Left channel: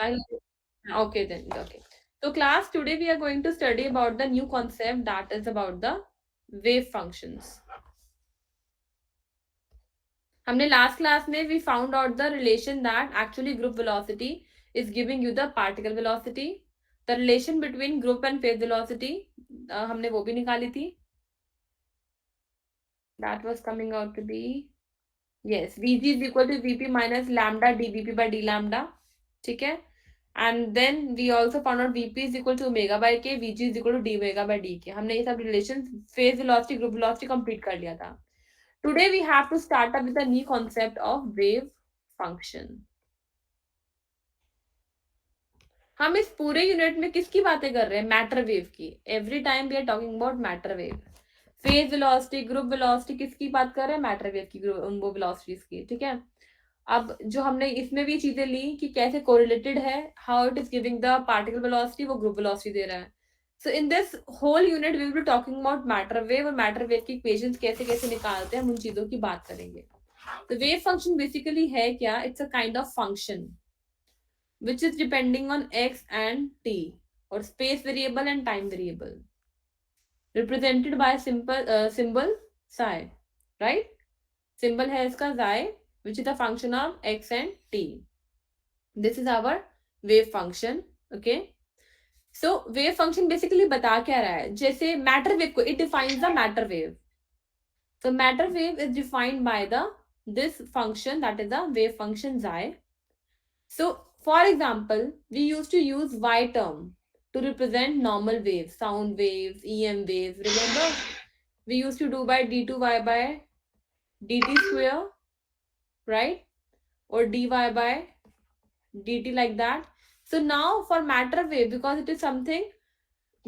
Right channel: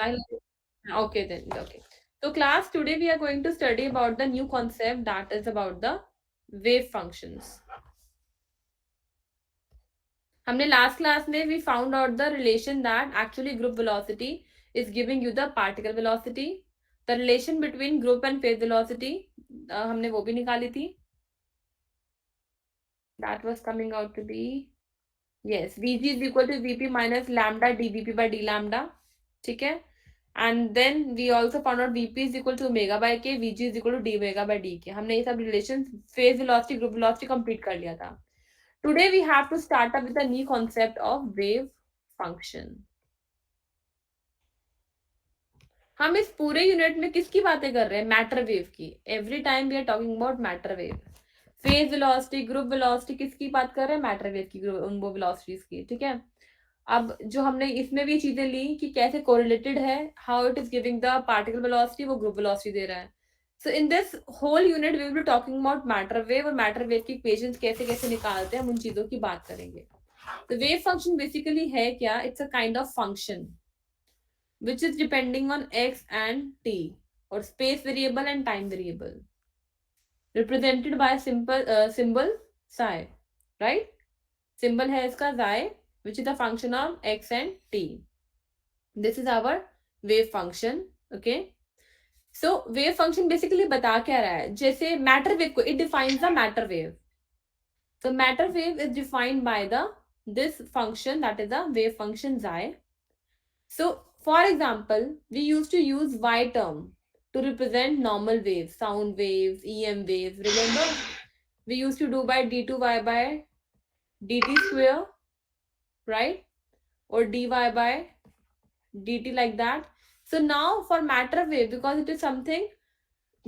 Okay then. Okay. So class, today we are going to study about the new concept that is about the wave functions. हमने last class में we found out the relation that actually group velocity is giving you the particle velocity. The relation between group and phase velocity हमने वो भी निकाली थी. That was coming out to be, yes, Vg is equal to Vp minus lambda dVp by d lambda. ठीक है. And then we also found out Vp is equal to omega by k, Vg is equal to d omega by dk. हमने ये सब relation phase velocity group velocity complete कर लिया था. Today we have to start up with a new concept of wave function. हम इस पूरे unit में किसकी बातें कर रहे हैं? मैटर वेव की. Every time we are talking about matter wave. Phase velocity, group velocity, किसकी बात कर रहे हैं? मैटर वेव की, वो वेलोसिटीज की. ठीक है. अब जो हमने इसमें भी चीजें ली कि कैसे कोरिलेटेड है, how it is giving the particle velocity, वो ग्रुप वेलोसिटी दे रहा है. So in this whole unit we will be talking about matter wave, और मैटर वेव की इक्वेशंस कैसे कैसे निकालते हैं, हम उन चीजों की बात करेंगे. तो वेव फंक्शन बेसिकली है क्या? It's a kind of function which is depending on x and t, or space variable and time variable, represented by a simple symbol psi, right? Symbol है इसका psi, which is a function of x and t. This is our wave function. Okay. So wave function basically बता क्या रहा है? जैसे matter wave को, it defines the matter wave. So matter wave is defined by the this function, that is the wave function psi. So, for example, we used to use y term to represent normal waves, sound waves, EM waves. Remember, we used to do by d2y by dt square, right? Or dy by dt, like that. So now for matter wave, because it is something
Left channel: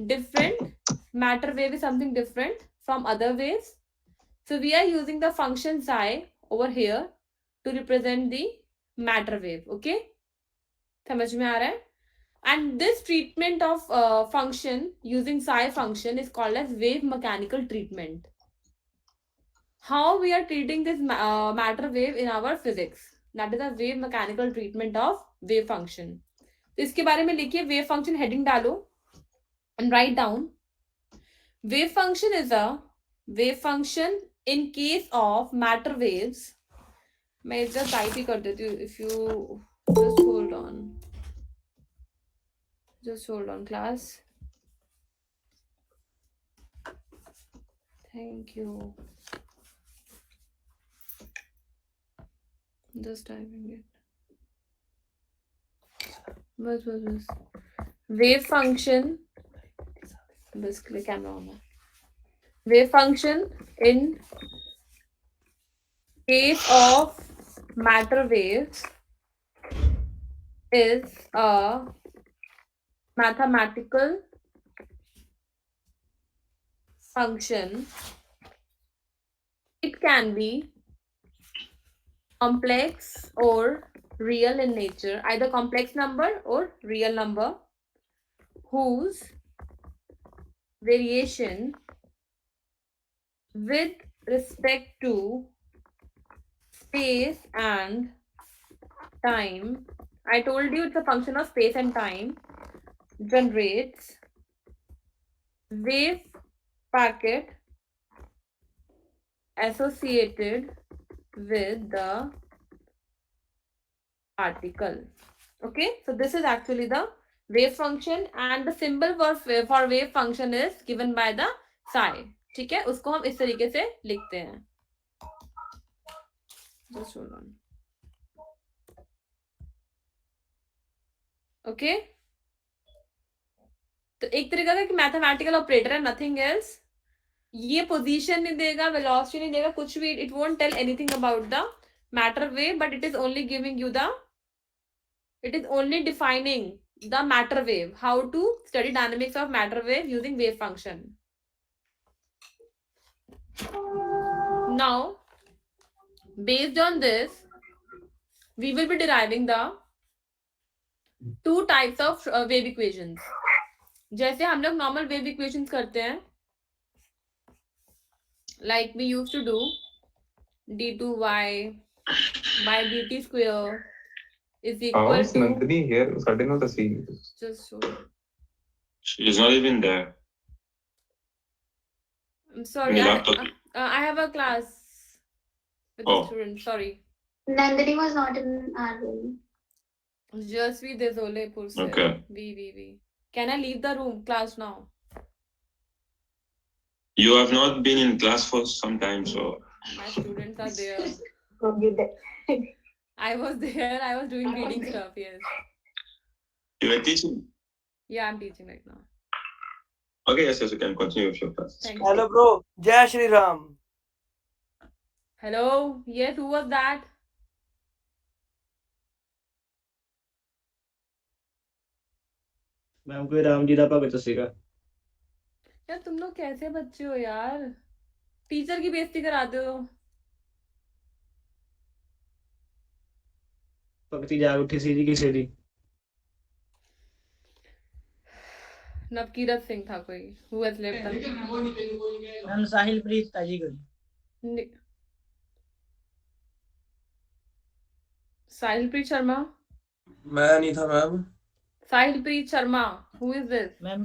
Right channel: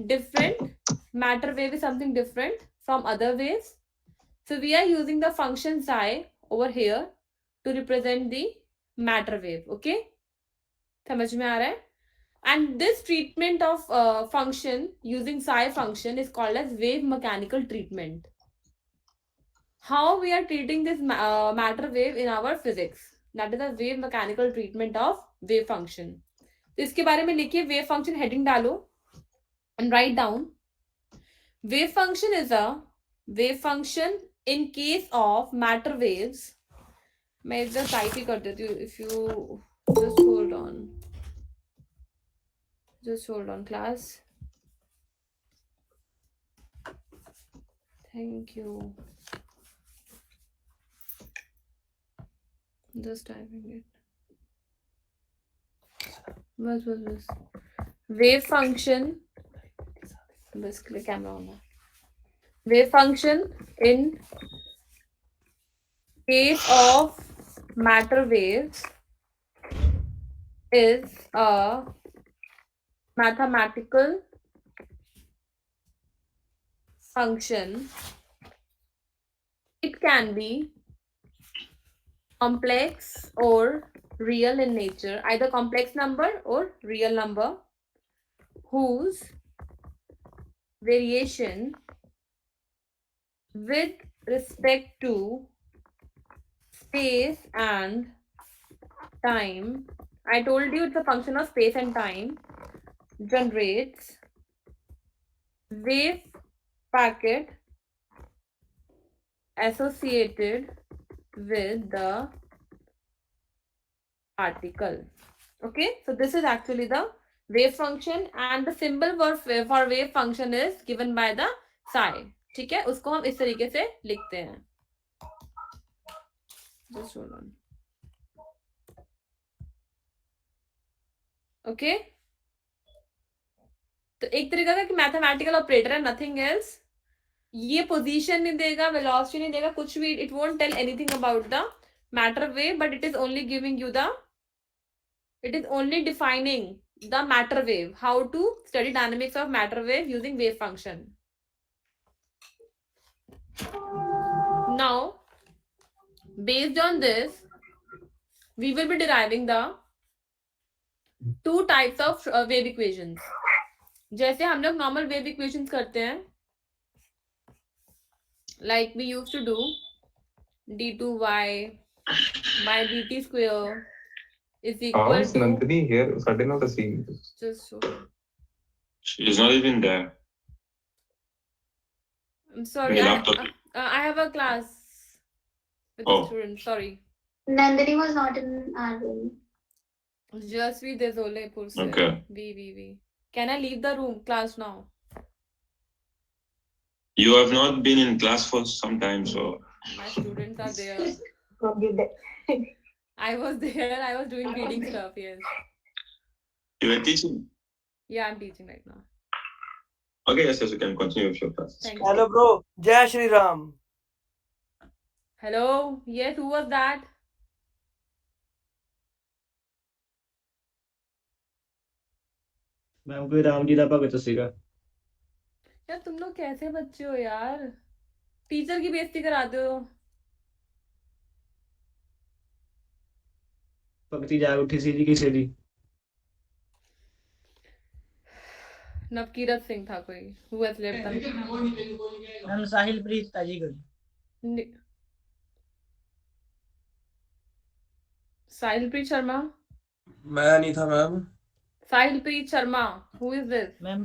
different, matter wave is something different from other waves. So we are using the function psi over here to represent the matter wave. Okay? समझ में आ रहा है? And this treatment of function using psi function is called as wave mechanical treatment. How we are treating this matter wave in our physics? That is a wave mechanical treatment of wave function. तो इसके बारे में लिखिए, wave function heading डालो and write down. Wave function is a wave function in case of matter waves. मैं इधर type ही कर देती हूँ. If you just hold on. Just hold on, class. Thank you. Just typing it. बस wave function, basically camera on है. Wave function in case of matter waves is a mathematical function. It can be complex or real in nature, either complex number or real number, whose variation with respect to space and time, I told you it's a function of space and time, generates wave packet associated with the particle. Okay, so this is actually the wave function, and the symbol for wave function is given by the psi. ठीक है, उसको हम इस तरीके से लिखते हैं. Just hold on. Okay, तो एक तरीका का कि मैथमेटिकल ऑपरेटर है, नथिंग एल्स. ये पोजीशन नहीं देगा, वेलोसिटी नहीं देगा, कुछ भी. It won't tell anything about the matter wave, but it is only giving you the, it is only defining the matter wave, how to study dynamics of matter wave using wave function. Now, based on this, we will be deriving the two types of wave equations. जैसे हम लोग normal wave equations करते हैं, like we used to do d2y by dt square is How equal is to Nandini here? ਸਾਡੇ ਨਾਲ ਤਾਂ ਸੀ just show. She is not even there I'm in sorry, the laptop. I have a class with the Oh, student. Sorry. Nandini was not in our room. Jasvi Desole Purse. okay. V. Can I leave the room class now? You have not been in class for some time, so My students are there. Okay. I was there. I was doing reading stuff. Yes. you were teaching. Yeah, I'm teaching right now. Okay, yes, you can continue with your class. Thank you. Hello, bro. Jai Shri Ram. Hello. Yes, who was that? Ma'am कोई राम जी दा भगत सीगा यार तुम लोग कैसे बच्चे हो यार, टीचर की बेइज्जती कराते हो। भगती जाग उठी सी जी किसे दी नवकीरत सिंह था कोई, who has left the ma'am Sahil Preet ताजी गई Ni- साहिलप्रीत शर्मा। मैं नहीं था ma'am. Sahilpreet Sharma, who is this? Ma'am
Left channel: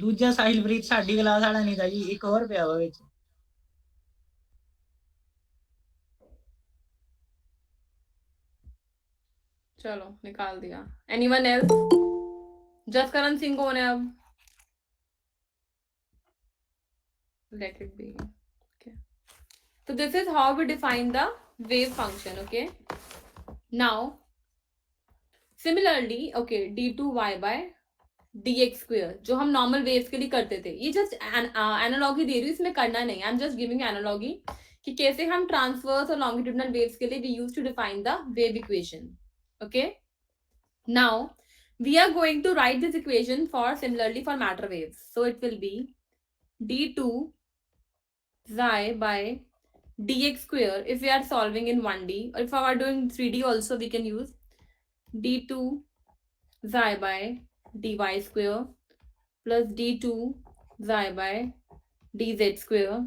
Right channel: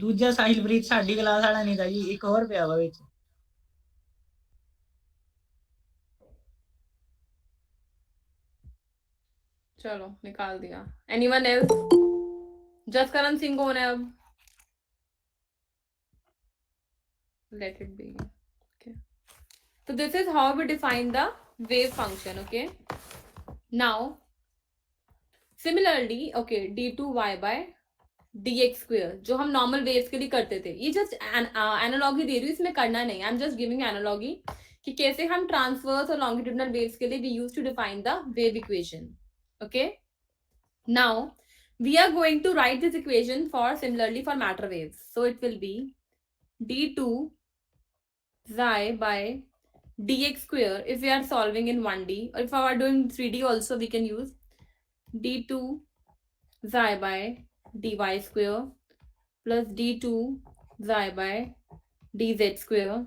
दूजा साहिल प्रीत साडी क्लास वाला नहीं था जी, एक और पिया वा विच। चलो निकाल दिया। Anyone else? जसकरण सिंह कौन है अब? Let it be. Okay. So this is how we define the wave function. Okay. Now, similarly, okay, d2y by dx square जो हम normal waves के लिए करते थे, ये just analogy दे रही हूँ, इसमें करना नहीं, I'm just giving analogy कि कैसे हम transverse और longitudinal waves के लिए we used to define the wave equation. Okay. Now we are going to write this equation for similarly for matter waves. So it will be d2 xi by dx square if we are solving in 1D, or if we are doing 3D also we can use d2 xi by dy square plus d2 xi by dz square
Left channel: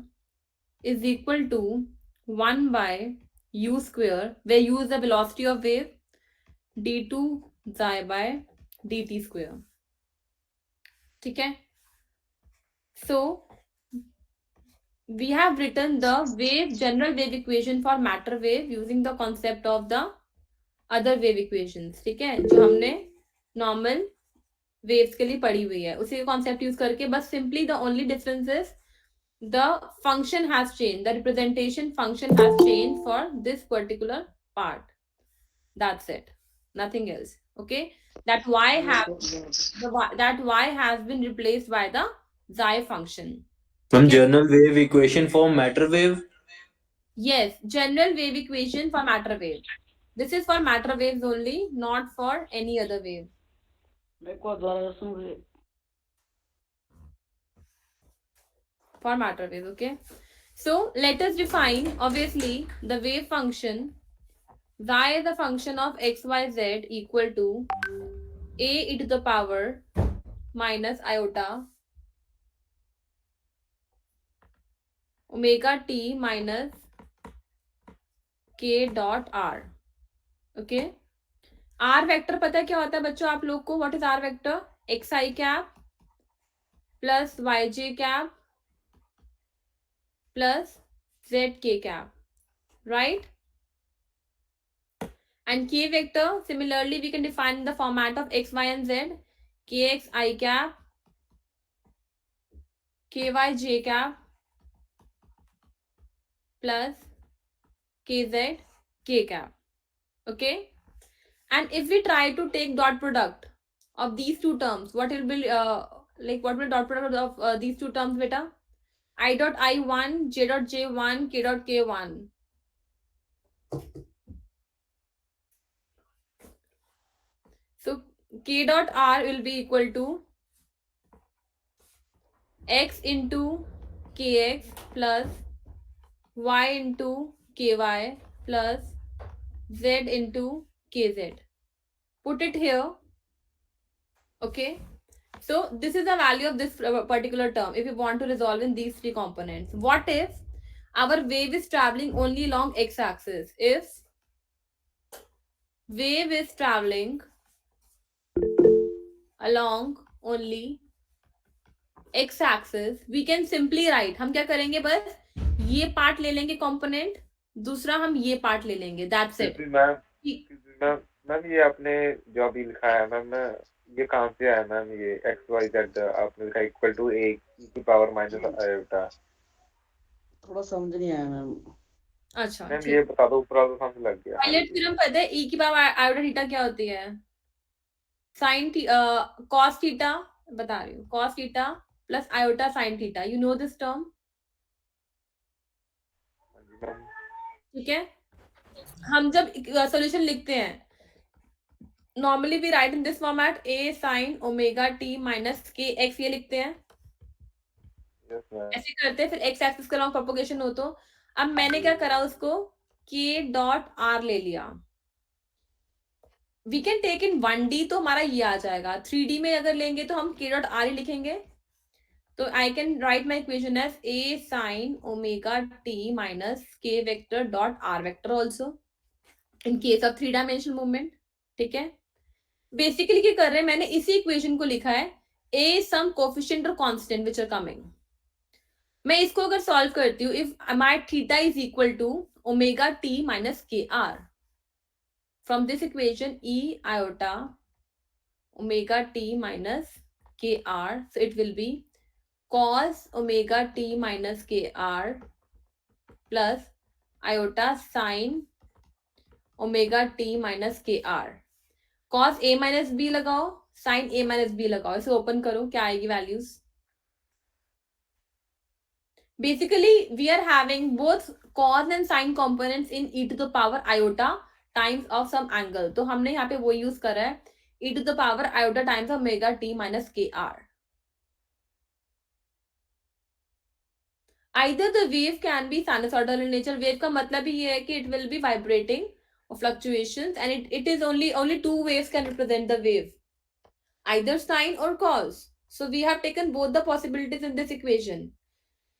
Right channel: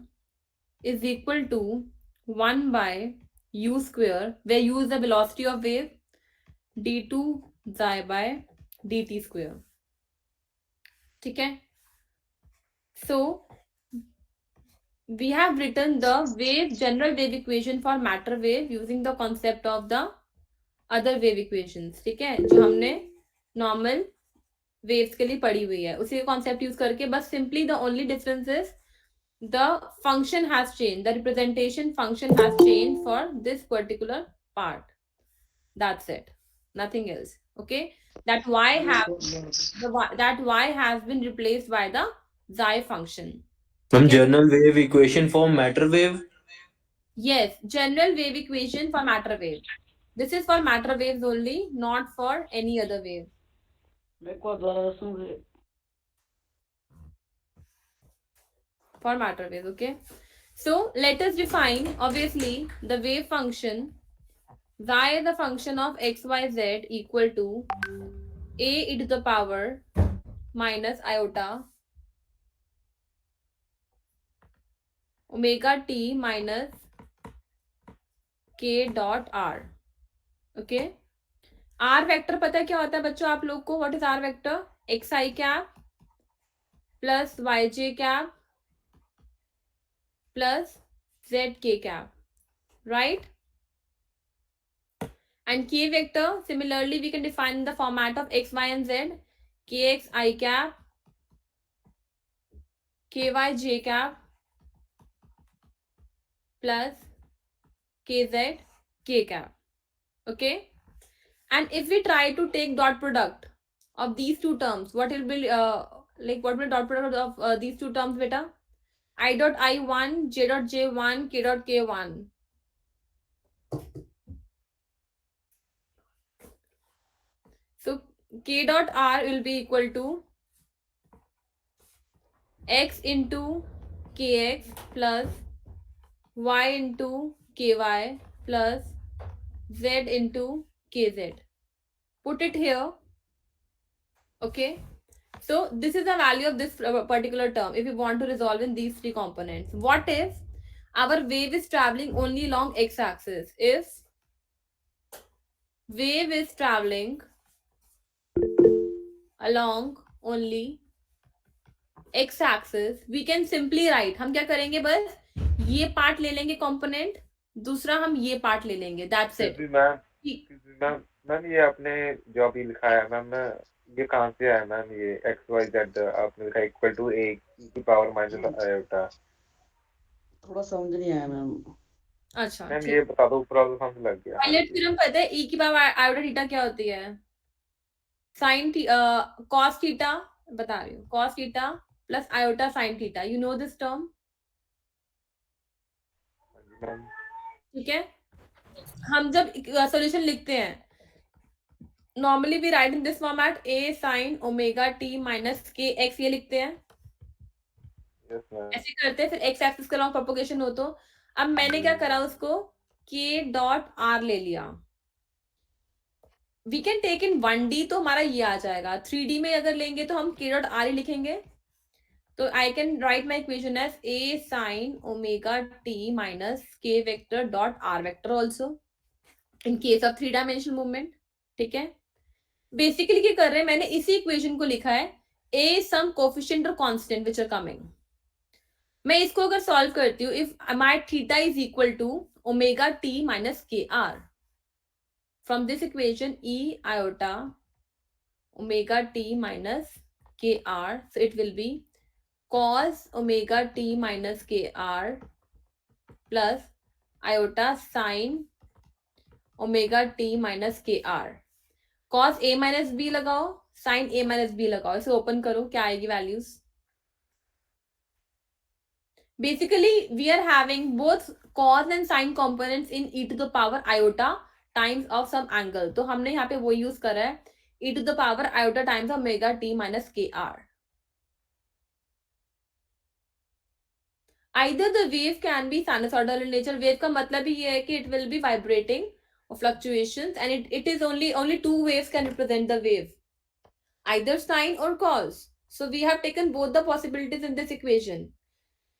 is equal to 1 by u square, where u is the velocity of wave, d2 xi by dt square. ठीक है? So we have written the general wave equation for matter wave using the concept of the other wave equations. ठीक है, जो हमने normal waves के लिए पढ़ी हुई है, उसी का concept use करके, बस simply the only difference is the function has changed, the representation function has changed for this particular part. That's it, nothing else. Okay, that y has been replaced by the xi function. From general wave equation for matter wave? Yes, general wave equation for matter wave. This is for matter waves only, not for any other wave. For matter waves, okay? So let us define, obviously, the wave function. Y is the function of xyz equal to a e to the power minus iota omega t minus k dot r. Okay, r vector पता है क्या होता है बच्चों आप लोग को? What is r vector? xi cap plus yj cap plus zk cap, right? And k vector, similarly we can define in the format of x, y and z. Kx I cap, ky j cap plus kz k cap. Okay, and if we try to take dot product of these two terms, what will be what will dot product of these two terms, beta? I dot I1, j dot j1, k dot k1. So k dot r will be equal to x into kx plus y into ky plus z into kz. Put it here. Okay. So this is the value of this particular term if you want to resolve in these three components. What if our wave is traveling only along x-axis? If wave is traveling along only x axis, we can simply write, हम क्या करेंगे, बस ये part ले लेंगे component, दूसरा हम ये पार्ट ले लेंगे, दैट्स इट। मैम मैम ये आपने जो अभी लिखा है मैम, ये कहाँ से आया मैम? ये एक्स वाई जेड आपने लिखा इक्वल टू ए की पावर माइनस आयोटा। थोड़ा समझ नहीं आया मैम। अच्छा मैम ठीक। ये बता दो, प्रॉब्लम समझ लग गया। पायलट थ्योरम पता है, e की पावर आयोटा थीटा क्या होती है? साइन कॉस थीटा, बता रही हूँ, cos theta plus iota sine theta, you know this term, ठीक है? हम जब सॉल्यूशन लिखते हैं, normally we write in this format, a sin omega t minus k x, ये लिखते हैं, यस मैम। ऐसे करते हैं, फिर एक्स एक्सिस का लॉन्ग प्रोपोगेशन हो। तो अब मैंने क्या करा, उसको k डॉट r ले लिया। We can take in 1D, तो हमारा ये आ जाएगा। 3D में अगर लेंगे तो हम k डॉट r ही लिखेंगे। तो I can write my equation as a sin omega t minus k vector dot r vector also in case of 3 dimensional movement, ठीक है? बेसिकली क्या कर रहे हैं, मैंने इसी इक्वेशन को लिखा है a सम कोफिशिएंट और कांस्टेंट व्हिच आर कमिंग। मैं इसको अगर सॉल्व करती हूँ, if my theta is equal to omega t minus K R, from this equation e iota omega t minus kr, so it will be cos omega t minus kr plus iota sin omega t minus kr। cos a minus b लगाओ, sin a minus b लगाओ, इसे open करो, क्या आएगी values? Basically, we are having both cos and sin components in e to the power iota times of some angle. तो हमने यहाँ पे वो यूज करा है, e to the power iota times omega t minus kr. Either the wave can be sinusoidal in nature. Wave का मतलब ही ये है कि it will be vibrating or fluctuations, and it is only two waves can represent the wave, either sine or cos. So we have taken both the possibilities in this equation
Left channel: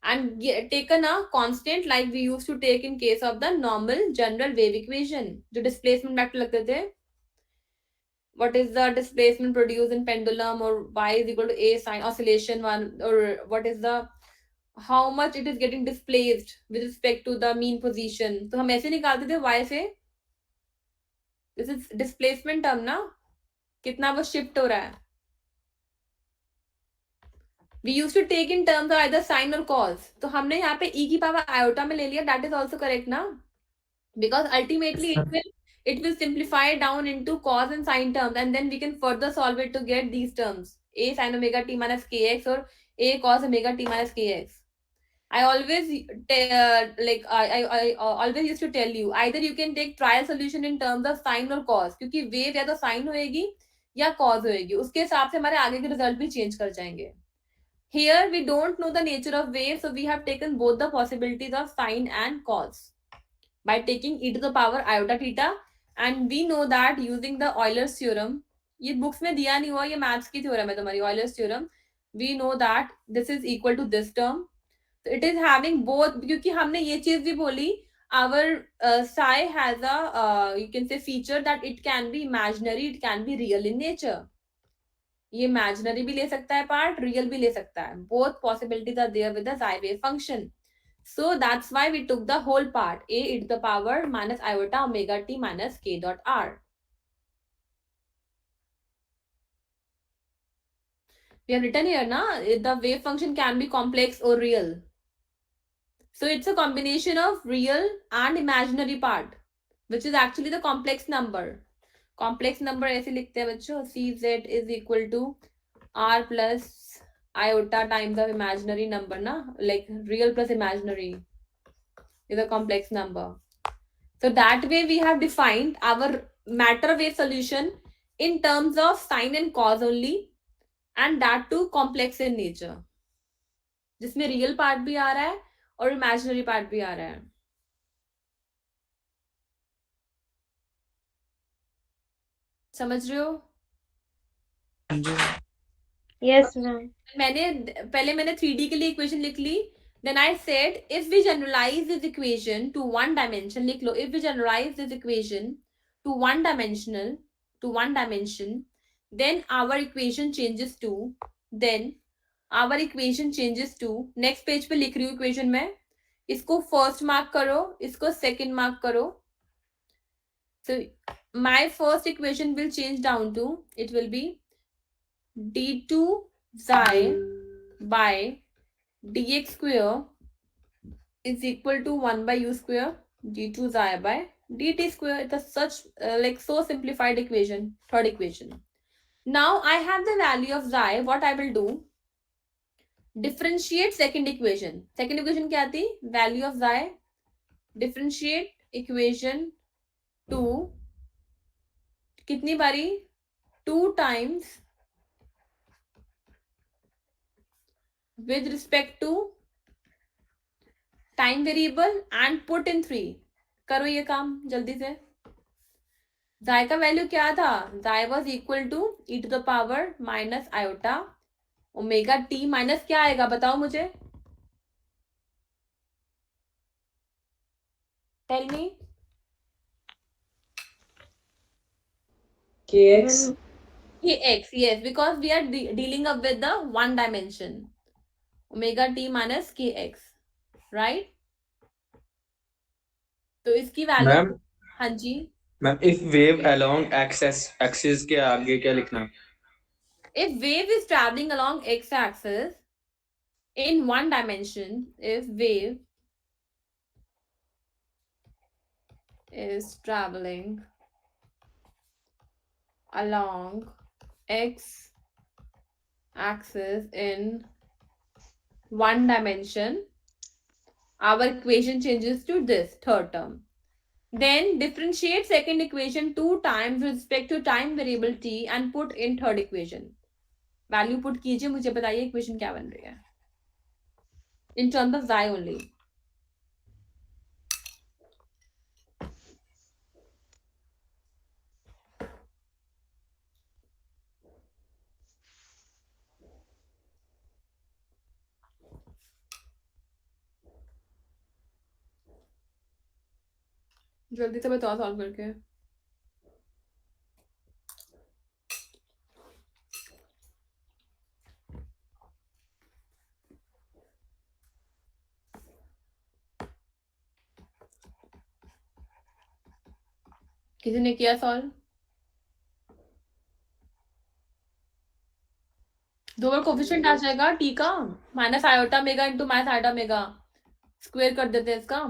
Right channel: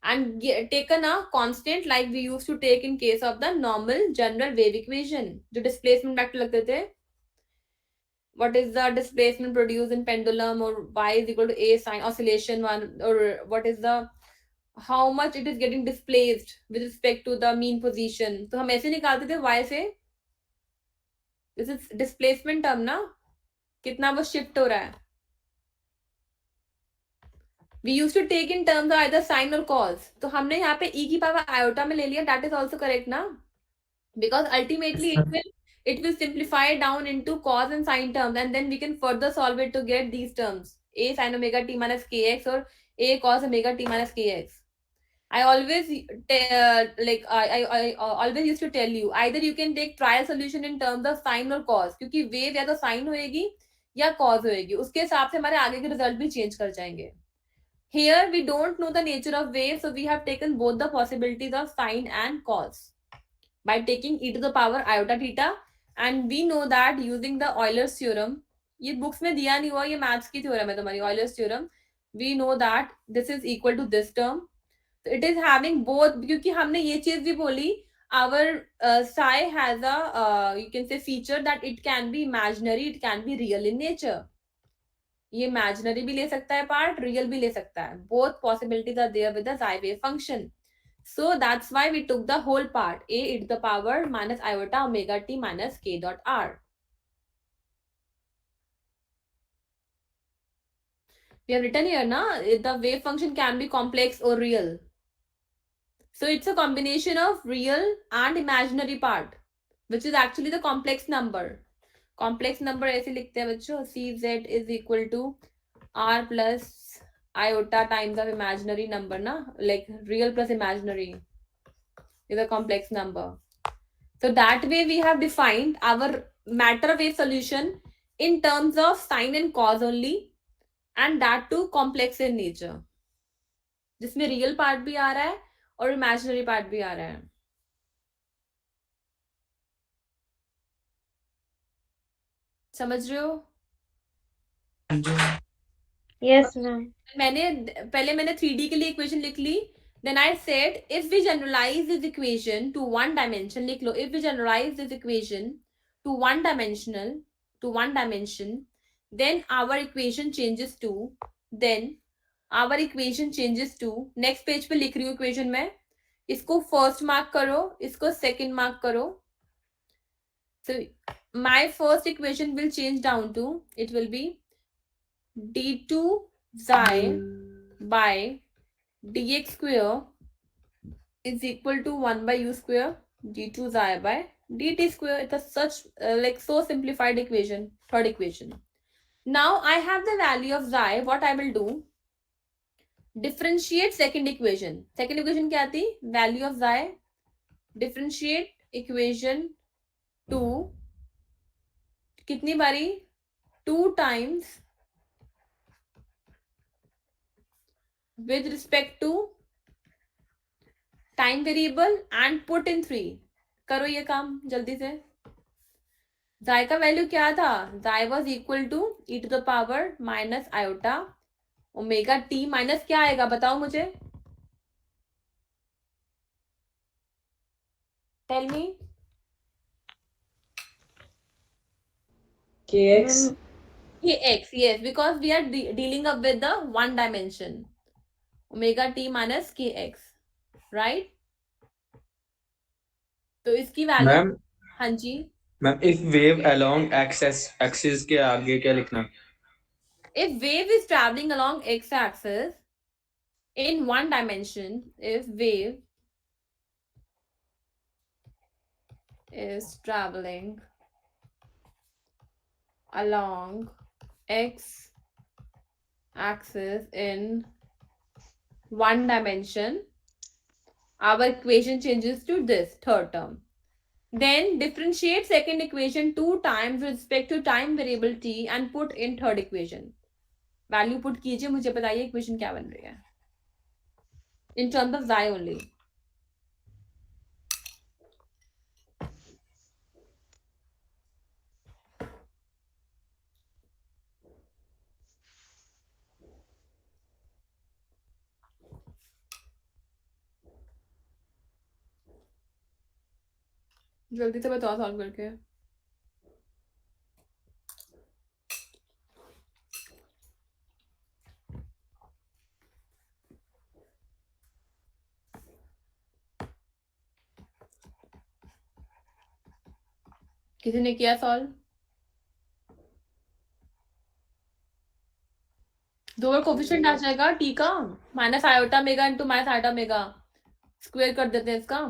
and taken a constant like we used to take in case of the normal general wave equation. जो displacement vector लगते थे, what is the displacement produced in pendulum, or y is equal to a sine oscillation one, or what is the how much it is getting displaced with respect to the mean position. तो हम ऐसे निकालते थे y से, this is displacement term ना, कितना वो shift हो रहा है। We used to take in terms of either sine or cos. तो हमने यहाँ पे e की पावर iota में ले लिया, that is also correct ना, because ultimately it will simplify down into cos and sine terms, and then we can further solve it to get these terms, a sin omega t minus kx or a cos omega t minus kx. I always I always used to tell you, either you can take trial solution in terms of sine or cos, क्योंकि wave या तो sine होएगी या cos होएगी, उसके हिसाब से हमारे आगे के रिजल्ट भी चेंज कर जाएंगे। Here we don't know the nature of wave, so we have taken both the possibilities of sine and cos by taking e to the power iota theta, and we know that using the Euler's theorem, ये books में दिया नहीं हुआ, ये maths की theorem है तुम्हारी, Euler's theorem, we know that this is equal to this term, so it is having both, क्योंकि हमने ये चीज भी बोली, our psi has a you can say feature that it can be imaginary, it can be real in nature. ये imaginary भी ले सकता है पार्ट, real भी ले सकता है, both possibilities are there with the psi wave function. So that's why we took the whole part, a e to the power minus iota omega t minus k dot r. We have written here na, the wave function can be complex or real. So it's a combination of real and imaginary part, which is actually the complex number. Complex number ऐसे लिखते हैं बच्चों, cz is equal to r plus iota times of imaginary number ना, like real plus imaginary is a complex number. So that way we have defined our matter wave solution in terms of sine and cos only, and that too complex in nature, जिसमें real part भी आ रहा है और imaginary part भी आ रहा है। समझ रहे हो? Yes, ma'am. मैंने 3D के लिए इक्वेशन लिख ली, then I said if we generalize this equation to one dimension, लिख लो, if we generalize this equation to one dimension, then our equation changes to next page पे लिख रही हूँ इक्वेशन में, इसको फर्स्ट मार्क करो, इसको सेकंड मार्क करो. So my first equation will change down to, it will be d2 xi by dx square is equal to 1 by u square d2 xi by dt square. It is such like so simplified equation. Third equation. Now I have the value of xi. What I will do, differentiate second equation. Second equation क्या थी? Value of xi. Differentiate equation to कितनी बारी? 2 times with respect to time variable and put in 3. करो ये काम जल्दी से. जाय का वैल्यू क्या था? Psi was equal to e to the power minus iota omega T minus क्या आएगा बताओ मुझे, tell me. kx. kx, yes, because we are dealing up with the one dimension. Omega T minus kx, right. तो इसकी value, ma'am हाँ जी, ma'am if wave along axis के आगे क्या लिखना? if wave is traveling along x axis in one dimension, if wave is traveling along x axis in one dimension, our equation changes to this third term. Then differentiate second equation 2 times with respect to time variable t and put in third equation. Value put कीजिए, मुझे बताइए equation क्या बन रही है इन terms of xi only. जल्दी से बताओ सॉल्व करके. किसी ने किया सॉल्व? दो बार कोफिशिएंट आ जाएगा टी का, minus iota mega into minus iota mega, square कर देते हैं इसका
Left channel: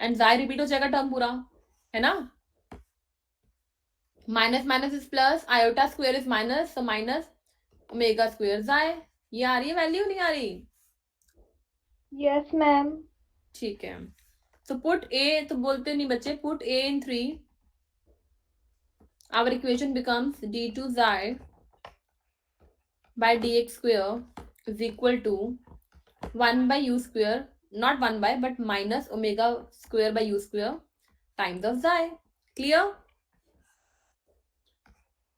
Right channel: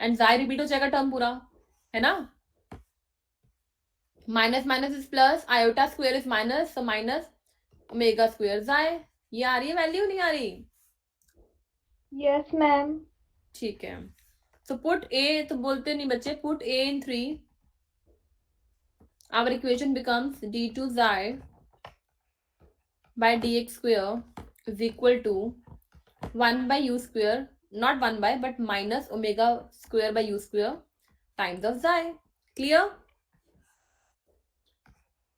एंड जाई रिपीट हो जाएगा टर्म पूरा, है ना. Minus minus is plus, iota square is minus, तो माइनस ओमेगा स्क्वायर जाए. ये आ रही है वैल्यू, नहीं आ रही? Yes, ma'am. ठीक है. तो पुट ए, तो बोलते नहीं बच्चे, put A in 3. Our equation becomes d2 xi by dx square is equal to 1 by u square, not 1 by but minus omega square by u square times of xi. Clear?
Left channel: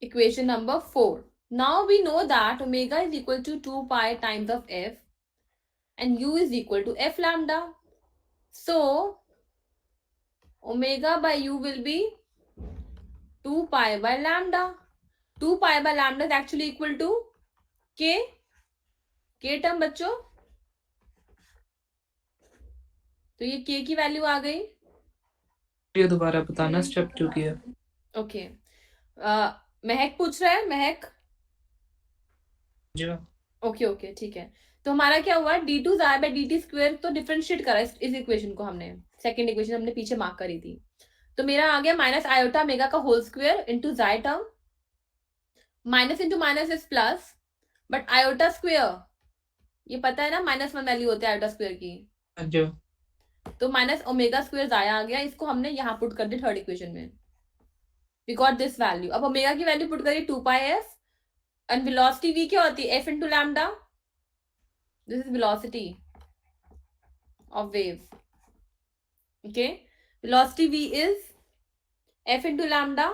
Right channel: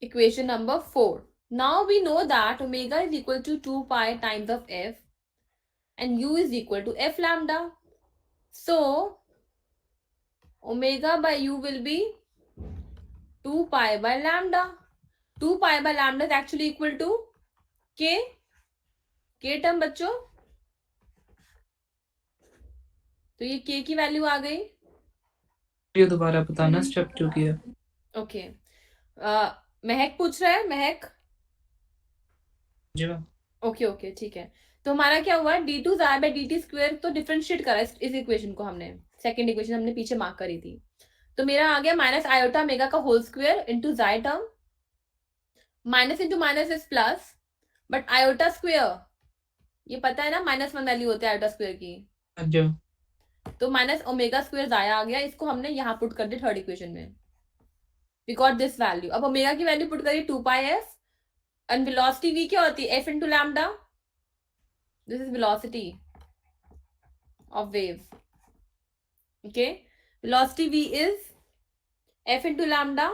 Equation number 4. Now we know that omega is equal to 2 pi times of f and u is equal to f lambda. So omega by u will be 2 pi by lambda. 2 pi by lambda is actually equal to k. k term बच्चों, तो ये k की value आ गई. ये दोबारा बताना step 2 की है. ओके. महक पूछ रहा है, महक. जी मैम. ओके ठीक है. तो हमारा क्या हुआ, d2 xi by dt square तो डिफरेंशिएट करा इस इक्वेशन को हमने. सेकंड इक्वेशन हमने पीछे मार्क करी थी. तो मेरा आ गया माइनस आयोटा मेगा का whole square into xi term. Minus into minus is plus, but iota square ये पता है ना माइनस 1 वैल्यू होती है आयोटा स्क्वायर की. जो तो माइनस ओमेगा स्क्वायर xi आ गया, इसको हमने यहाँ पुट कर दिया थर्ड इक्वेशन में. We got this value. अब ओमेगा की वैल्यू पुट करिए 2 pi f and velocity v क्या होती है, f into lambda. This is velocity of wave. Okay, velocity v is f into lambda.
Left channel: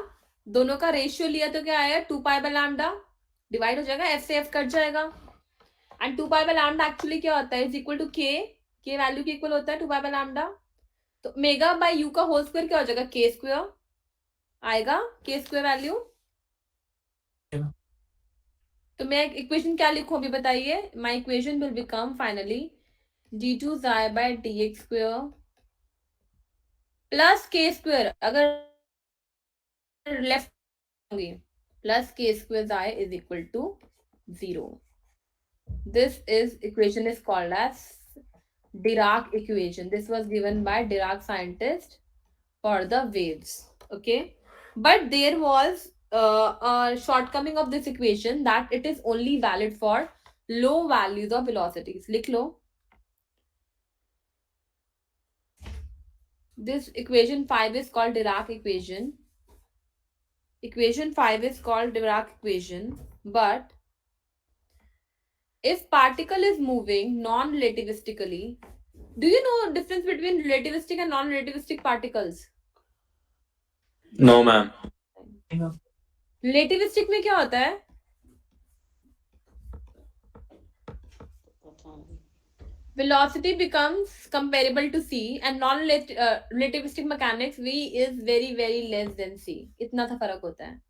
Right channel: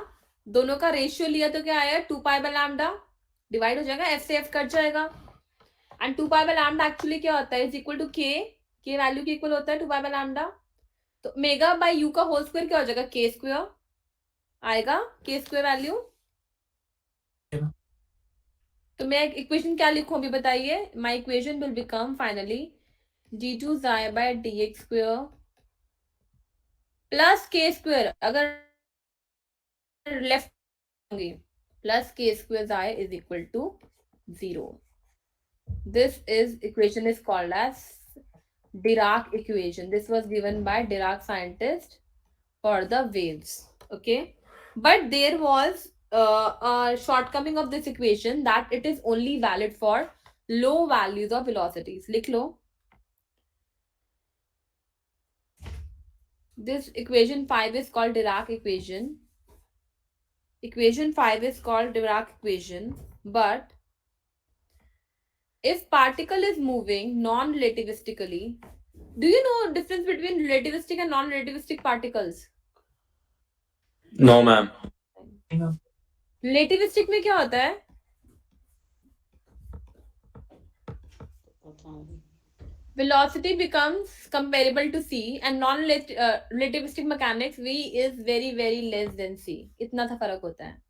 दोनों का रेशियो लिया तो क्या आया, 2 पाई बाय लैम्डा, डिवाइड हो जाएगा, f से f कट जाएगा. And 2 pi by lambda actually क्या होता है, is equal to k. k value के इक्वल होता है 2 पाई बाय लैम्डा. तो मेगा बाय u का होल स्क्वायर क्या हो जाएगा, k स्क्वायर. आएगा के स्क्वायर वैल्यू। तो मैं इक्वेशन क्या लिखूं अभी बताइए। My equation will become finally d2 xi by dx square plus k square, अगर लेफ्ट होंगे plus k square xi is equal to 0. This equation is called as Dirac equation. This was given by Dirac scientist for the waves. Okay, but there was a shortcoming of this equation that it is only valid for low values of velocities. लिख लो. This equation 5 is called Dirac equation. Equation 5 is called Dirac equation, but if particle is moving non-relativistically, do you know difference between relativistic and non-relativistic particles? No, ma'am. Relativistic में क्या होता है? पता नहीं। Velocity becomes comparable to c and non-relativistic mechanics v is very very less than c. इतना सा फर्क होता है.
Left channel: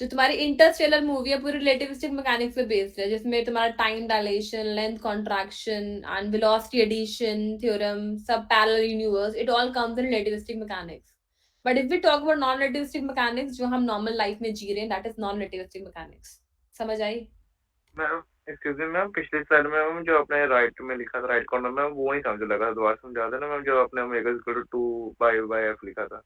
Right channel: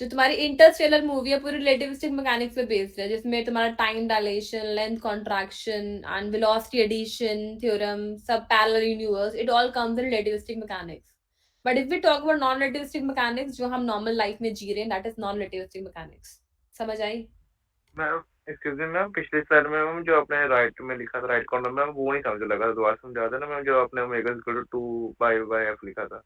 जो तुम्हारी इंटरस्टेलर मूवी है पूरी रिलेटिविस्टिक मैकेनिक्स पे बेस्ड है, जिसमें तुम्हारा time dilation, length contraction and velocity addition theorem, सब parallel universe, it all comes in relativistic mechanics. But if we talk about non relativistic mechanics जो हम नॉर्मल लाइफ में जी रहे हैं, that is non relativistic mechanics. समझ आई? Ma'am excuse me ma'am, पिछले स्लाइड में मैम जो आपने राइट में लिखा था, राइट कॉर्नर में, वो नहीं समझ लगा, दोबारा समझा देना मैम. जो आपने omega is equal to 2 pi by f लिखा था,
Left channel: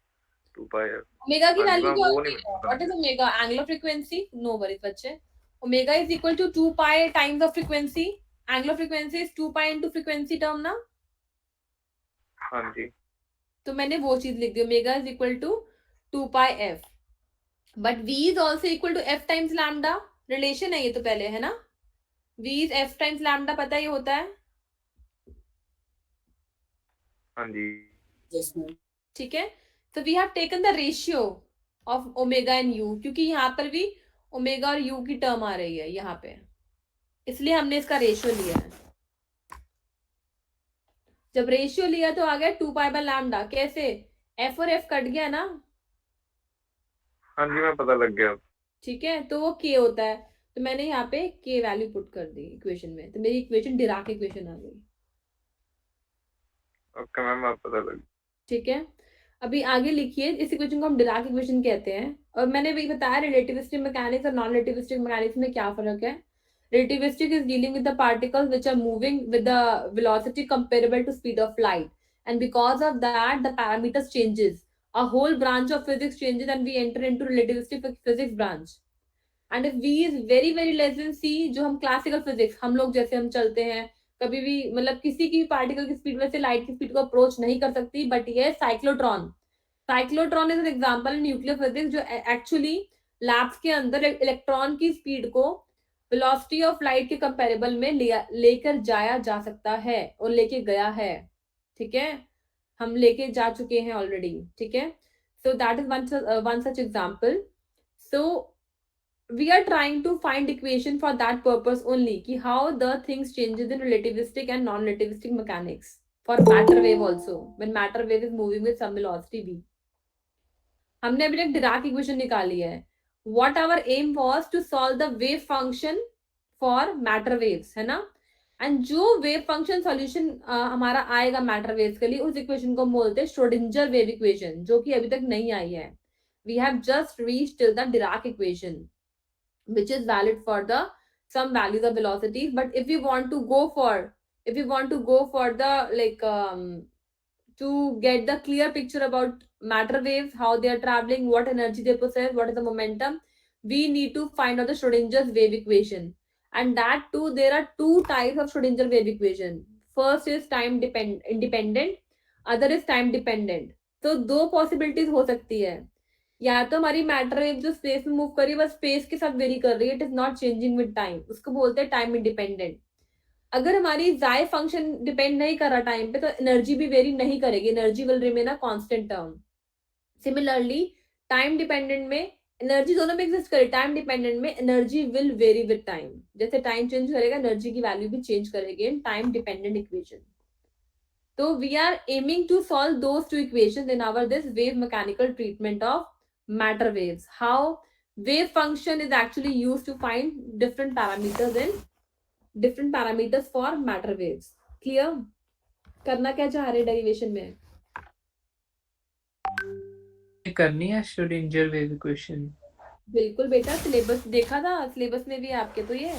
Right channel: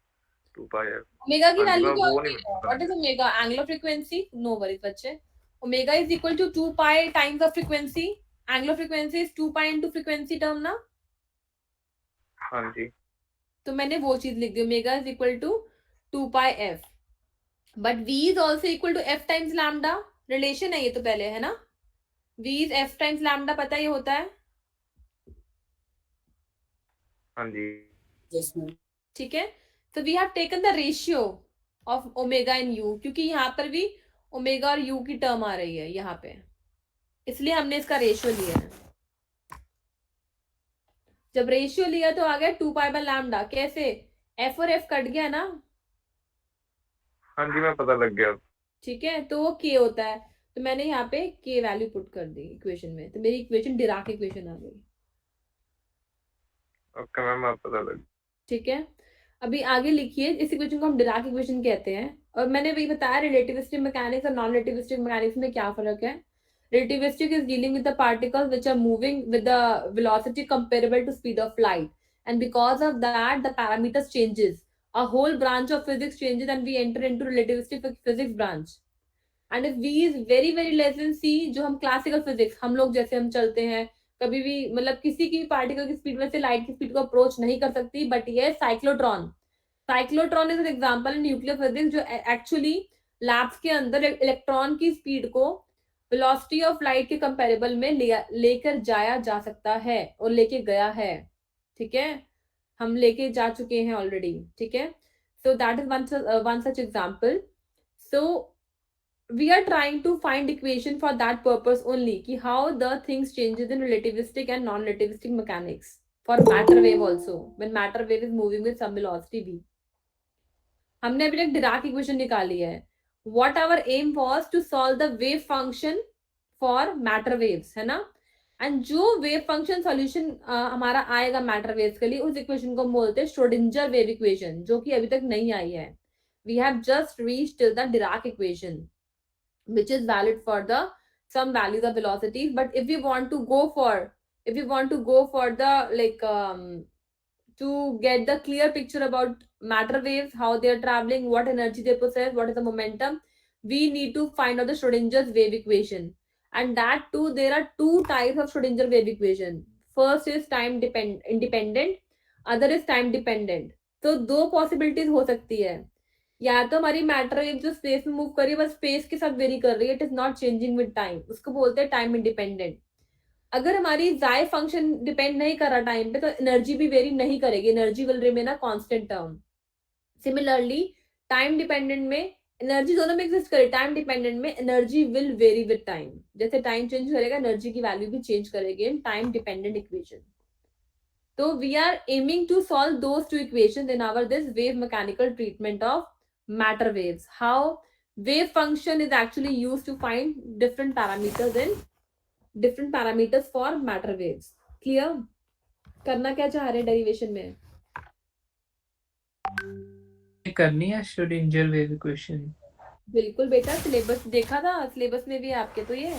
2 पाई एफ. ओमेगा की हाँ जी वैल्यू मैम, क्या वो होती नहीं है? मिलता. What is omega? Angular frequency? No worries बच्चे. Omega is equal to 2 pi times the frequency. Angular frequency is 2 pi into frequency term ना. हाँ जी. तो मैंने वो चीज लिख दी, omega is equal to 2 pi F. But v is also equal to f times lambda. Relation है ये तो पहले है ना. v is f times lambda, पता ही होता है. हाँ जी. Yes, ma'am. ठीक है. तो we have taken the ratio of omega and u, क्योंकि यहाँ पर भी ओमेगा और u की टर्म आ रही है यहाँ पे, इसलिए हमने इसका रेशियो लिया है. जब रेशियो लिया तो आ गया 2 पाई बाय लैम्डा. कैसे? f और f कट गया ना. हाँ जी मैं पता लग गया. ठीक है, तो वो k होता है. तो मैंने यहाँ पे k वैल्यू पुट कर दी इक्वेशन में, तो मेरी इक्वेशन डिराक इक्वेशन आ गई. ओके मैम, आप पता लग. ठीक है. अभी आगे लिखिए. इस इक्वेशन को हम डिराक इक्वेशन कहते हैं. और मैंने भी बताया रिलेटिविस्टिक मैकेनिक्स और नॉन रिलेटिविस्टिक मैकेनिक्स में क्या फर्क है. Relativistic is dealing with the particles which are moving with the velocity comparable to speed of light, and because of that the parameters changes. A whole branch of physics changes and we enter into relativistic physics branch. And if v is very very less than c, जो हम classical physics, हम लोग जैसे हम चलते हैं, कभी भी मतलब किसी की पार्टिकल की स्पीड में से लाइट की स्पीड को अप्रोच नहीं कर सकती. बट ये cyclotron is an example in nuclear physics जो एक्चुअली लैब्स के अंदर इलेक्ट्रॉन की स्पीड को वेलोसिटी ऑफ लाइट के कंपैरेबल में लेकर जाया जा सकता है और लेके गया है. ठीक है, हम लेके जा चुके हैं ऑलरेडी. ठीक है, so that is one such example. So we are trying to find equation for that purpose only, ki how the things changes in relativistic and non-relativistic mechanics for matter wave also, when matter wave is moving with some velocity v. हमने अभी तक Dirac equation निकाली है. what our aim was to solve the wave function for matter waves, है ना. And जो wave function solution हमारा आएगा मैटर वेव्स के लिए, उस इक्वेशन को बोलते हैं श्रोडिंजर वेव इक्वेशन, जो कि अभी तक नहीं आई है. We have just reached till the Dirac equation which is valid for the some values of velocities. But if we want to go for the like to get the clear picture about matter waves, how they are traveling, what energy they possess, what is the momentum, we need to find out the Schrodinger's wave equation. And that too, there are two types of Schrodinger wave equation. First is time independent, other is time dependent. तो दो possibilities हो सकती है. या तो हमारी matter wave जो space में मूव कर रही है बस स्पेस के साथ वेरी कर रही है, it is not changing with time, उसको बोलते हैं टाइम इंडिपेंडेंट. अगर हमारी जाय फंक्शन डिपेंड नहीं कर रहा टाइम पे, तो एनर्जी भी वेरी नहीं करेगी, energy will remain a constant term. Similarly time dependent में एनर्जी दोनों में एग्जिस्ट करे, टाइम डिपेंडेंट में energy will very with time. जैसे टाइम चेंज करेगा एनर्जी की वैल्यू भी चेंज करेगी in time dependent equation. So we are aiming to solve those two equations in our this wave mechanical treatment of matter waves. How wave function is actually used to find different parameters for matter waves. Clear? करना क्या चाह रहे derivation में? ये करनी है Schrodinger wave equation. बिल्कुल बेटा, सिलेबस देखा था, सिलेबस में भी है आपके तो ये.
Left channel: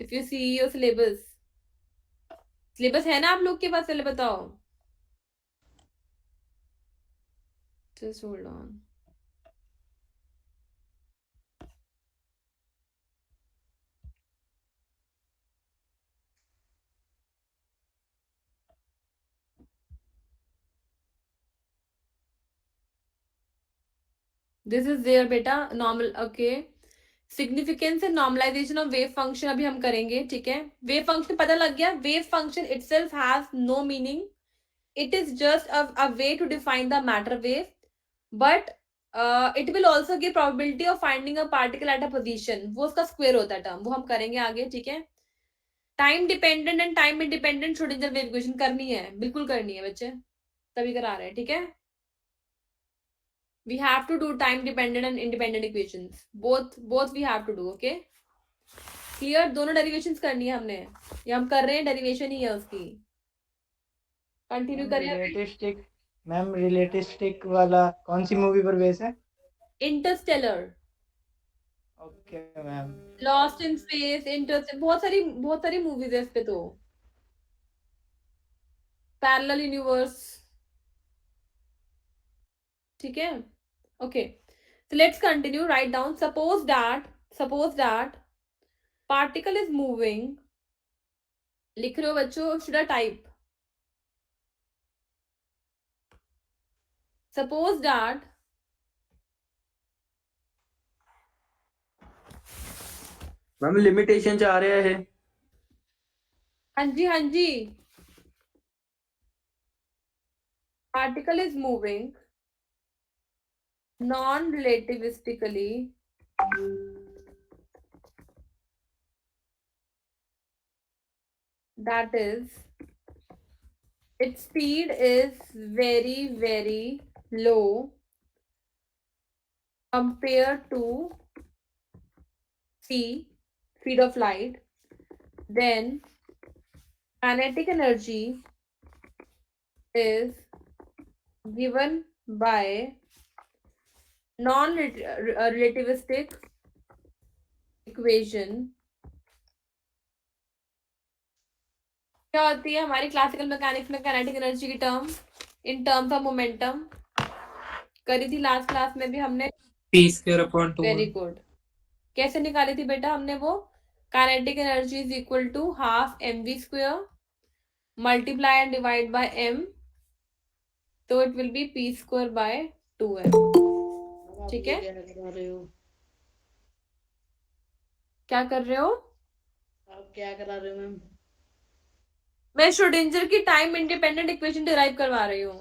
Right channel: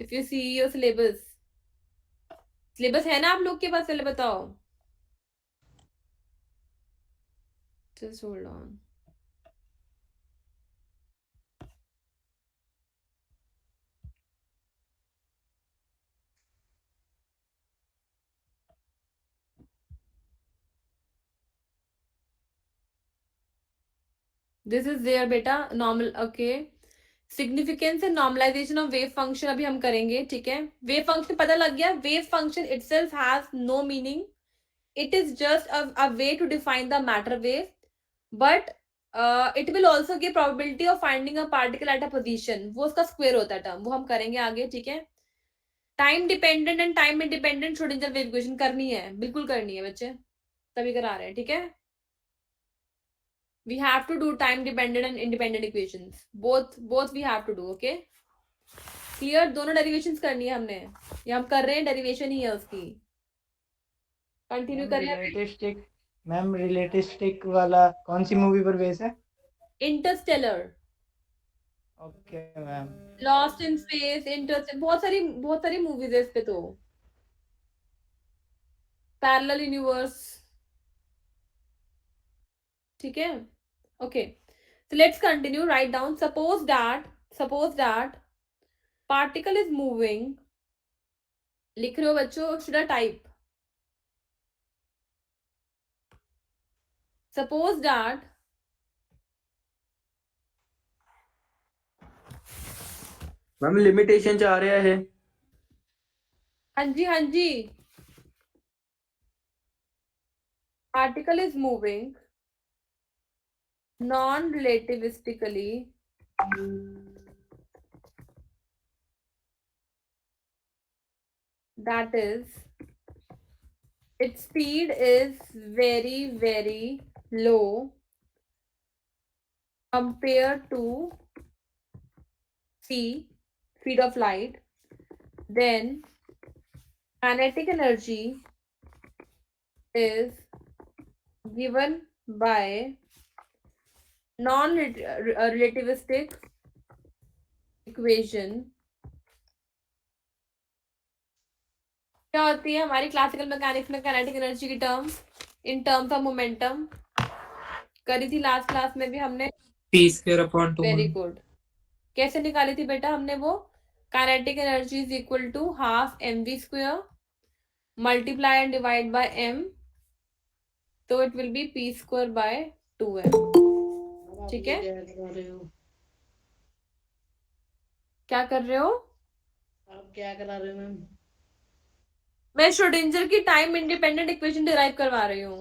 If you see your syllabus है ना आप लोग के पास? पहले बताओ. Just hold on. This is there बेटा. Normal. Okay. Significance and normalisation of wave function अभी हम करेंगे. ठीक है, वेव फंक्शन पता लग गया. Wave function itself has no meaning. It is just a way to define the matter wave, but it will also give probability of finding a particle at a position. वो उसका square होता है term, वो हम करेंगे आगे. ठीक है, time dependent and time independent Schrödinger wave equation करनी है, बिल्कुल करनी है बच्चे, तभी करा रहे हैं. ठीक है, we have to do time dependent and independent equations. both we have to do. okay, clear? दोनों डेरिवेशंस करनी है हमने. ये हम कर रहे हैं, डेरिवेशन ही है उसकी. कंटिन्यू करें. रिलेटिविस्टिक मैम, रिलेटिविस्टिक वाला कौन सी मूवी पर बेस है? Interstellar, okay ma'am. Lost in space, Interstellar, बहुत सारी मूवीज है इस पे. तो पैरेलल यूनिवर्स. ठीक है, okay, so let's continue. Write down. Suppose that particle is moving. लिख रहे हो बच्चों? should I type? Suppose that ma'am limitation चाह रहे हैं. हाँ जी particle is moving non-relativistically that is its speed is very very low compared to speed of light, then kinetic energy is given by non-relativistic equation. क्या होती है हमारी classical mechanics में kinetic energy की term in terms of momentum? करी थी last class में भी हमने. p²/2. Very good. कैसे निकाली थी बेटा हमने वो? Kinetic energy is equal to half mv² multiply and divide by m, तो इट विल बी p²/2m. ठीक है, क्या कर रहे हो? आप क्या करा रहे हो मैम? मैं श्रोडिंगर की टाइम इंडिपेंडेंट इक्वेशन डिराइव करवा रही हूँ.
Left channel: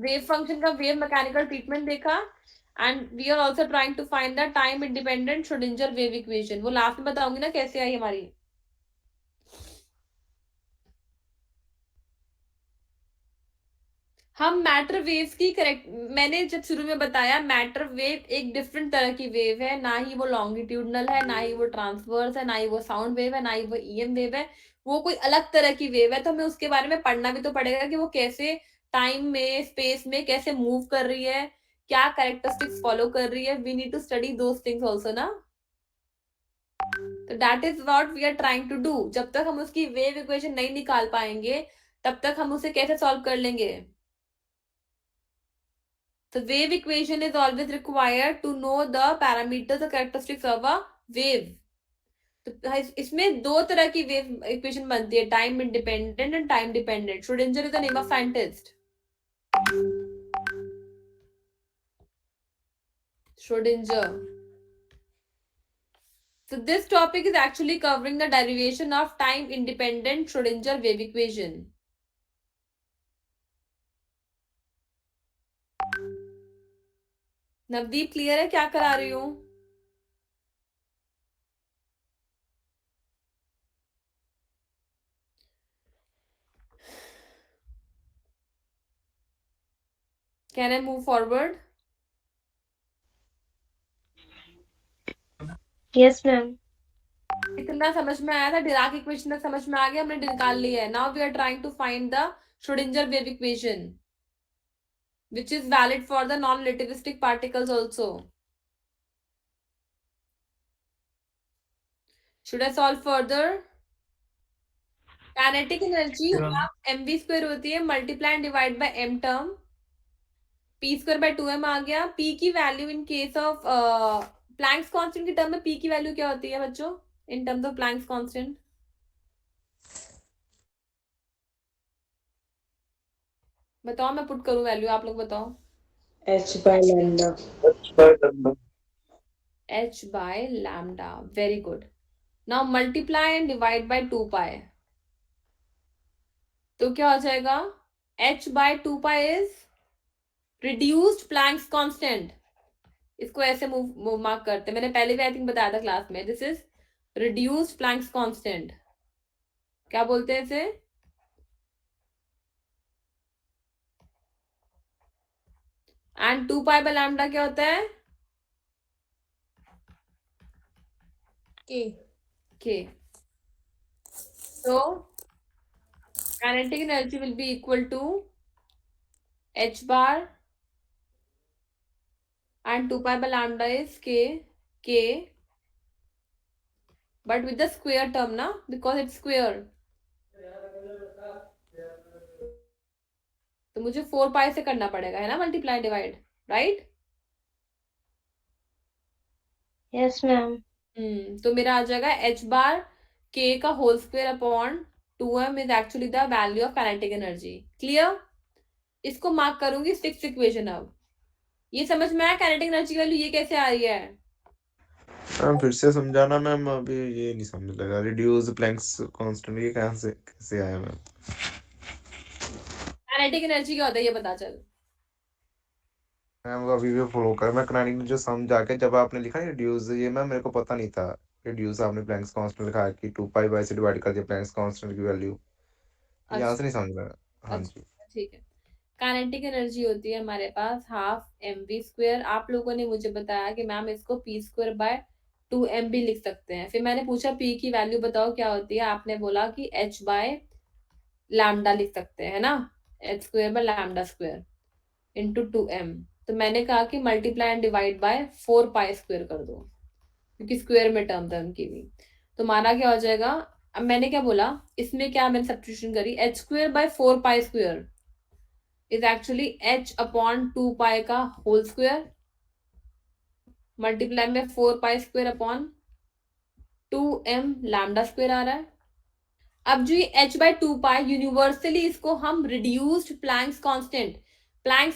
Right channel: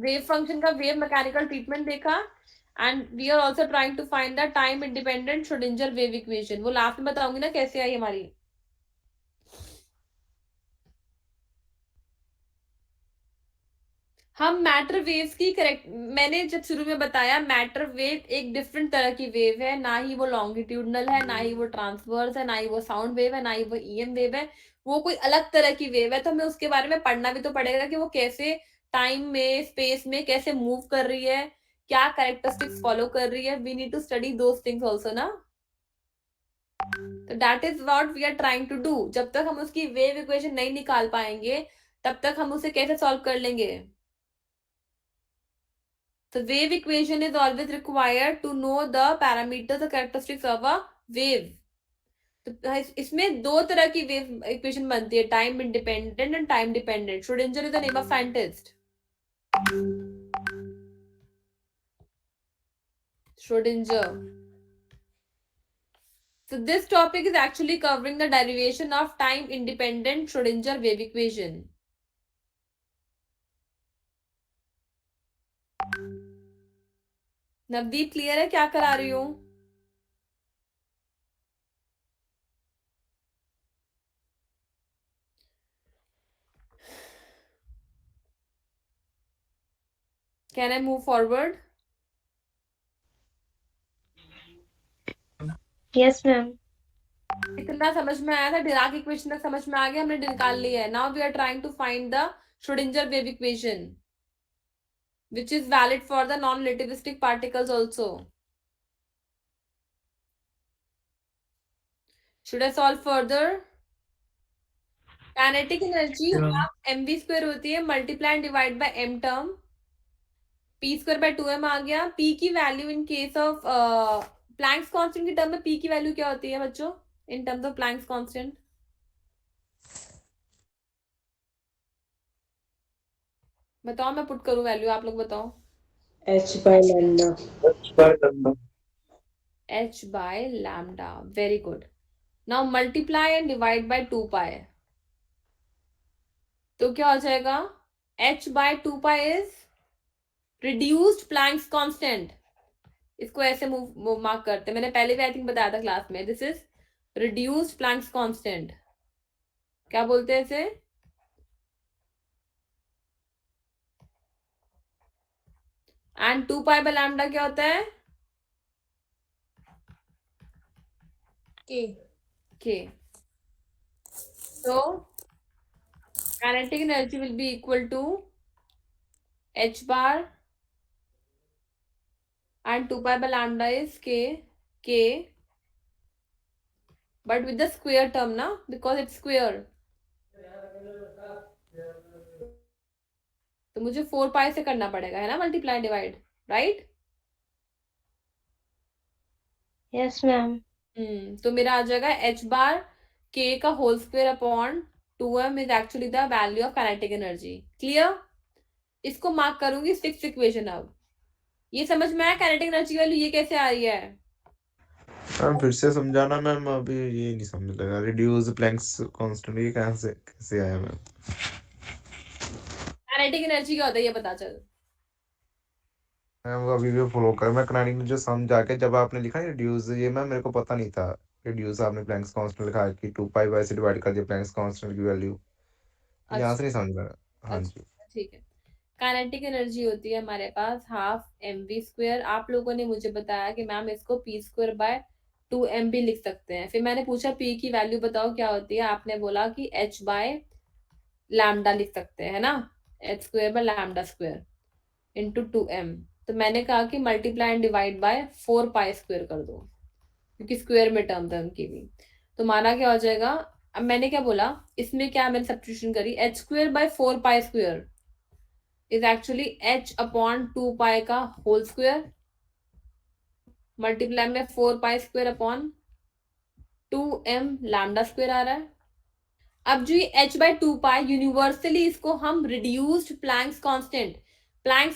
वेव फंक्शन का वेव मैकेनिकल ट्रीटमेंट देखा, and we are also trying to find the time independent Schrödinger wave equation. वो लास्ट में बताऊंगी ना कैसे आई हमारी. हम मैटर वेव्स की करेक्ट, मैंने जब शुरू में बताया मैटर वेव एक डिफरेंट तरह की वेव है. ना ही वो लॉन्गिट्यूडनल है, ना ही वो ट्रांसवर्स है, ना ही वो साउंड वेव है, ना ही वो ईएम वेव है. वो कोई अलग तरह की वेव है. तो हमें उसके बारे में पढ़ना भी तो पड़ेगा कि वो कैसे टाइम में स्पेस में कैसे मूव कर रही है, क्या कैरेक्टरिस्टिक्स फॉलो कर रही है. We need to study those things also ना. तो that is what we are trying to do. जब तक हम उसकी वेव इक्वेशन नहीं निकाल पाएंगे तब तक हम उसे कैसे सॉल्व कर लेंगे? The wave equation is always required to know the parameters or characteristics of a wave. तो इसमें दो तरह की वेव इक्वेशन बनती है, time independent and time dependent. Schrodinger is the name of scientist. Schrodinger. So this topic is actually covering the derivation of time independent Schrodinger wave equation. Navdeep clear है क्या करा रही हूँ? Can I move forward? Yes, ma'am. इतना समझ में आया था, डिराक इक्वेशन तक समझ में आ गया, हमने निकाल लिया है. Now we are trying to find the Schrödinger wave equation which is valid for the non-relativistic particles also. Should I solve further? Kinetic energy half mv square होती है multiply and divide by m term. p square by 2m आ गया. p की value in case of Planck's constant की term में p की value क्या होती है बच्चों इन टर्म्स ऑफ प्लैंक्स कांस्टेंट? बताओ, मैं पुट करूं वैल्यू, आप लोग बताओ. h by lambda. h by lambda. Very good. Now multiply and divide by 2 pi. तो क्या हो जाएगा? h by 2 pi is reduced Planck's constant. इसको ऐसे मूव मार्क करते, मैंने पहले भी आई थिंक बताया था क्लास में. This is reduced Planck's constant. क्या बोलते हैं इसे? एंड 2 pi by lambda क्या होता है? k. So kinetic energy will be equal to h bar and 2 pi by lambda is k but with the square term na, because it's square. तो मुझे 4 pi से करना पड़ेगा है ना, multiply divide, right? Yes, ma'am. तो मेरा आ जाएगा h bar k का whole square upon 2m is actually the value of kinetic energy. Clear? इसको मार्क करूंगी 6th इक्वेशन. अब ये समझ में आया काइनेटिक एनर्जी वैल्यू ये कैसे आ रही है? मैम फिर से समझाना मैम, अभी ये नहीं समझ लगा. रिड्यूस प्लैंक्स कांस्टेंट ये कैसे आया मैम? काइनेटिक एनर्जी क्या होता है ये बता चल. मैम अभी भी फॉलो कर, मैं कनेक्टिंग जो समझा के जब आपने लिखा रिड्यूस, ये मैम मेरे को पता नहीं था. रिड्यूस आपने प्लैंक्स कांस्टेंट लिखा है कि 2 पाई बाय से डिवाइड कर दिया प्लैंक्स कांस्टेंट की वैल्यू. यहाँ से नहीं समझ में. हाँ जी ठीक है. काइनेटिक एनर्जी होती है हमारे पास हाफ mv स्क्वायर. आप लोगों ने मुझे बताया कि मैम इसको p स्क्वायर बाय 2m भी लिख सकते हैं. फिर मैंने पूछा p की वैल्यू बताओ क्या होती है, आपने बोला कि h बाय लैम्डा लिख सकते हैं, है ना, h square by lambda square into 2m. तो मैंने कहा कि multiply and divide bye 4 pi square कर दो क्योंकि स्क्वायर में टर्म था उनकी भी. तो माना क्या हो जाएगा? अब मैंने क्या बोला इसमें, क्या मैंने सब्स्टिट्यूशन करी, h square by 4 pi square is actually h upon 2 pi का होल स्क्वायर मल्टीप्लाई में 4 pi square upon 2m lambda square आ रहा है. अब जो ये h by 2 पाई यूनिवर्सली इसको हम रिड्यूस्ड प्लैंक्स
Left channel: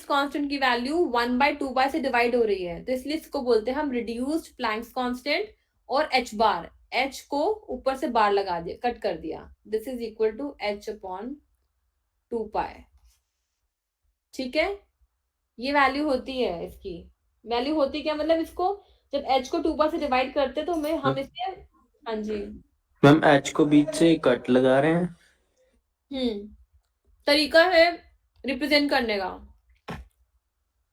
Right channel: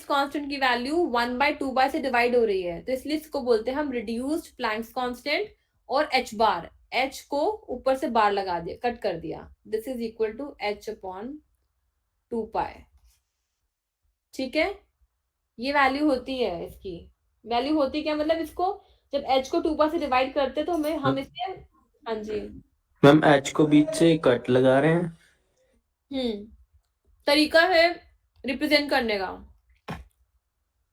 कांस्टेंट की वैल्यू 1 by 2 पाई से डिवाइड हो रही है, तो इसलिए इसको बोलते हैं हम रिड्यूस्ड प्लैंक्स कांस्टेंट. और h बार, h को ऊपर से बार लगा दिया, कट कर दिया. This is equal to h upon 2 pi. ठीक है, ये वैल्यू होती है. इसकी वैल्यू होती क्या मतलब, इसको जब h को 2 पाई से डिवाइड करते तो हम इसे, हाँ जी मैम h को बीच से कट लगा रहे हैं. तरीका है रिप्रेजेंट करने का.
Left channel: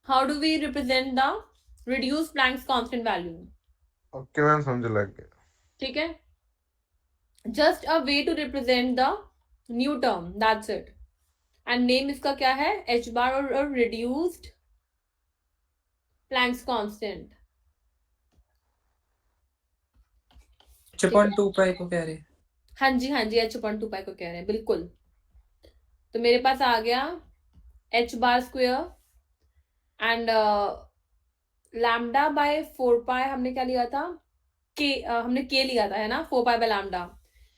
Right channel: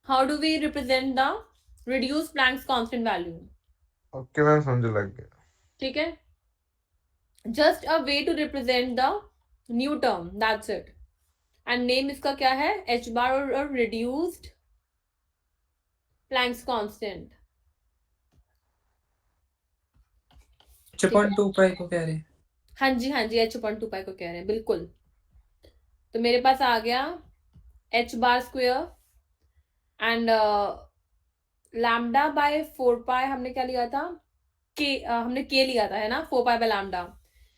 How do we represent the reduce Planck's constant value? Okay ma'am समझ लग गया. ठीक है, just a way to represent the new term, that's it. And name इसका क्या है? h बार और reduced Planck's constant. h upon 2 pi को कह रहे हैं. हाँ जी h upon 2 पाई को कह रहे हैं, बिल्कुल. तो मेरे पास आ गया h bar square and lambda by 4 पाई. हमने क्या लिया था? हमने k लिया था, है ना, 4 पाई बाय लैम्डा,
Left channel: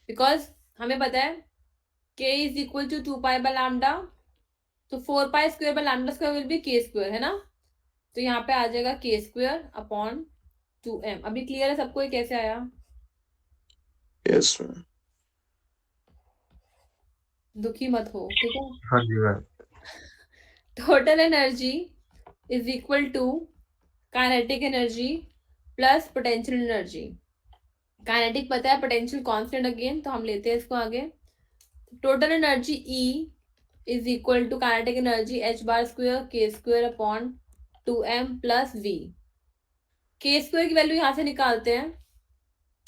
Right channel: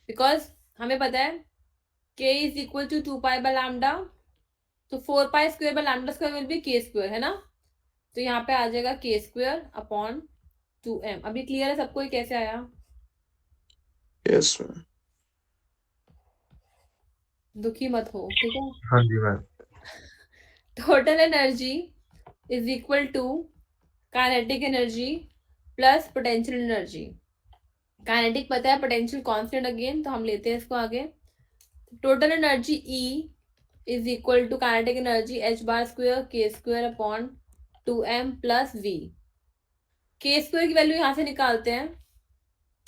बिकॉज हमें पता है k is equal to 2 pi by lambda. तो 4 pi square by lambda square will be k square, है ना. तो यहाँ पे आ जाएगा k स्क्वायर अपॉन 2m. अभी क्लियर है सबको ये कैसे आया? Yes ma'am. दुखी मत हो, ठीक है. हाँ जी ma'am. Total energy is equal to kinetic energy plus potential energy. Kinetic पता है, पोटेंशियल कांस्टेंट अगेन, तो हम लेते हैं इसको आगे. Total energy E is equal to kinetic energy h bar square k square upon 2m plus v. k square की value यहाँ से निकालते हैं.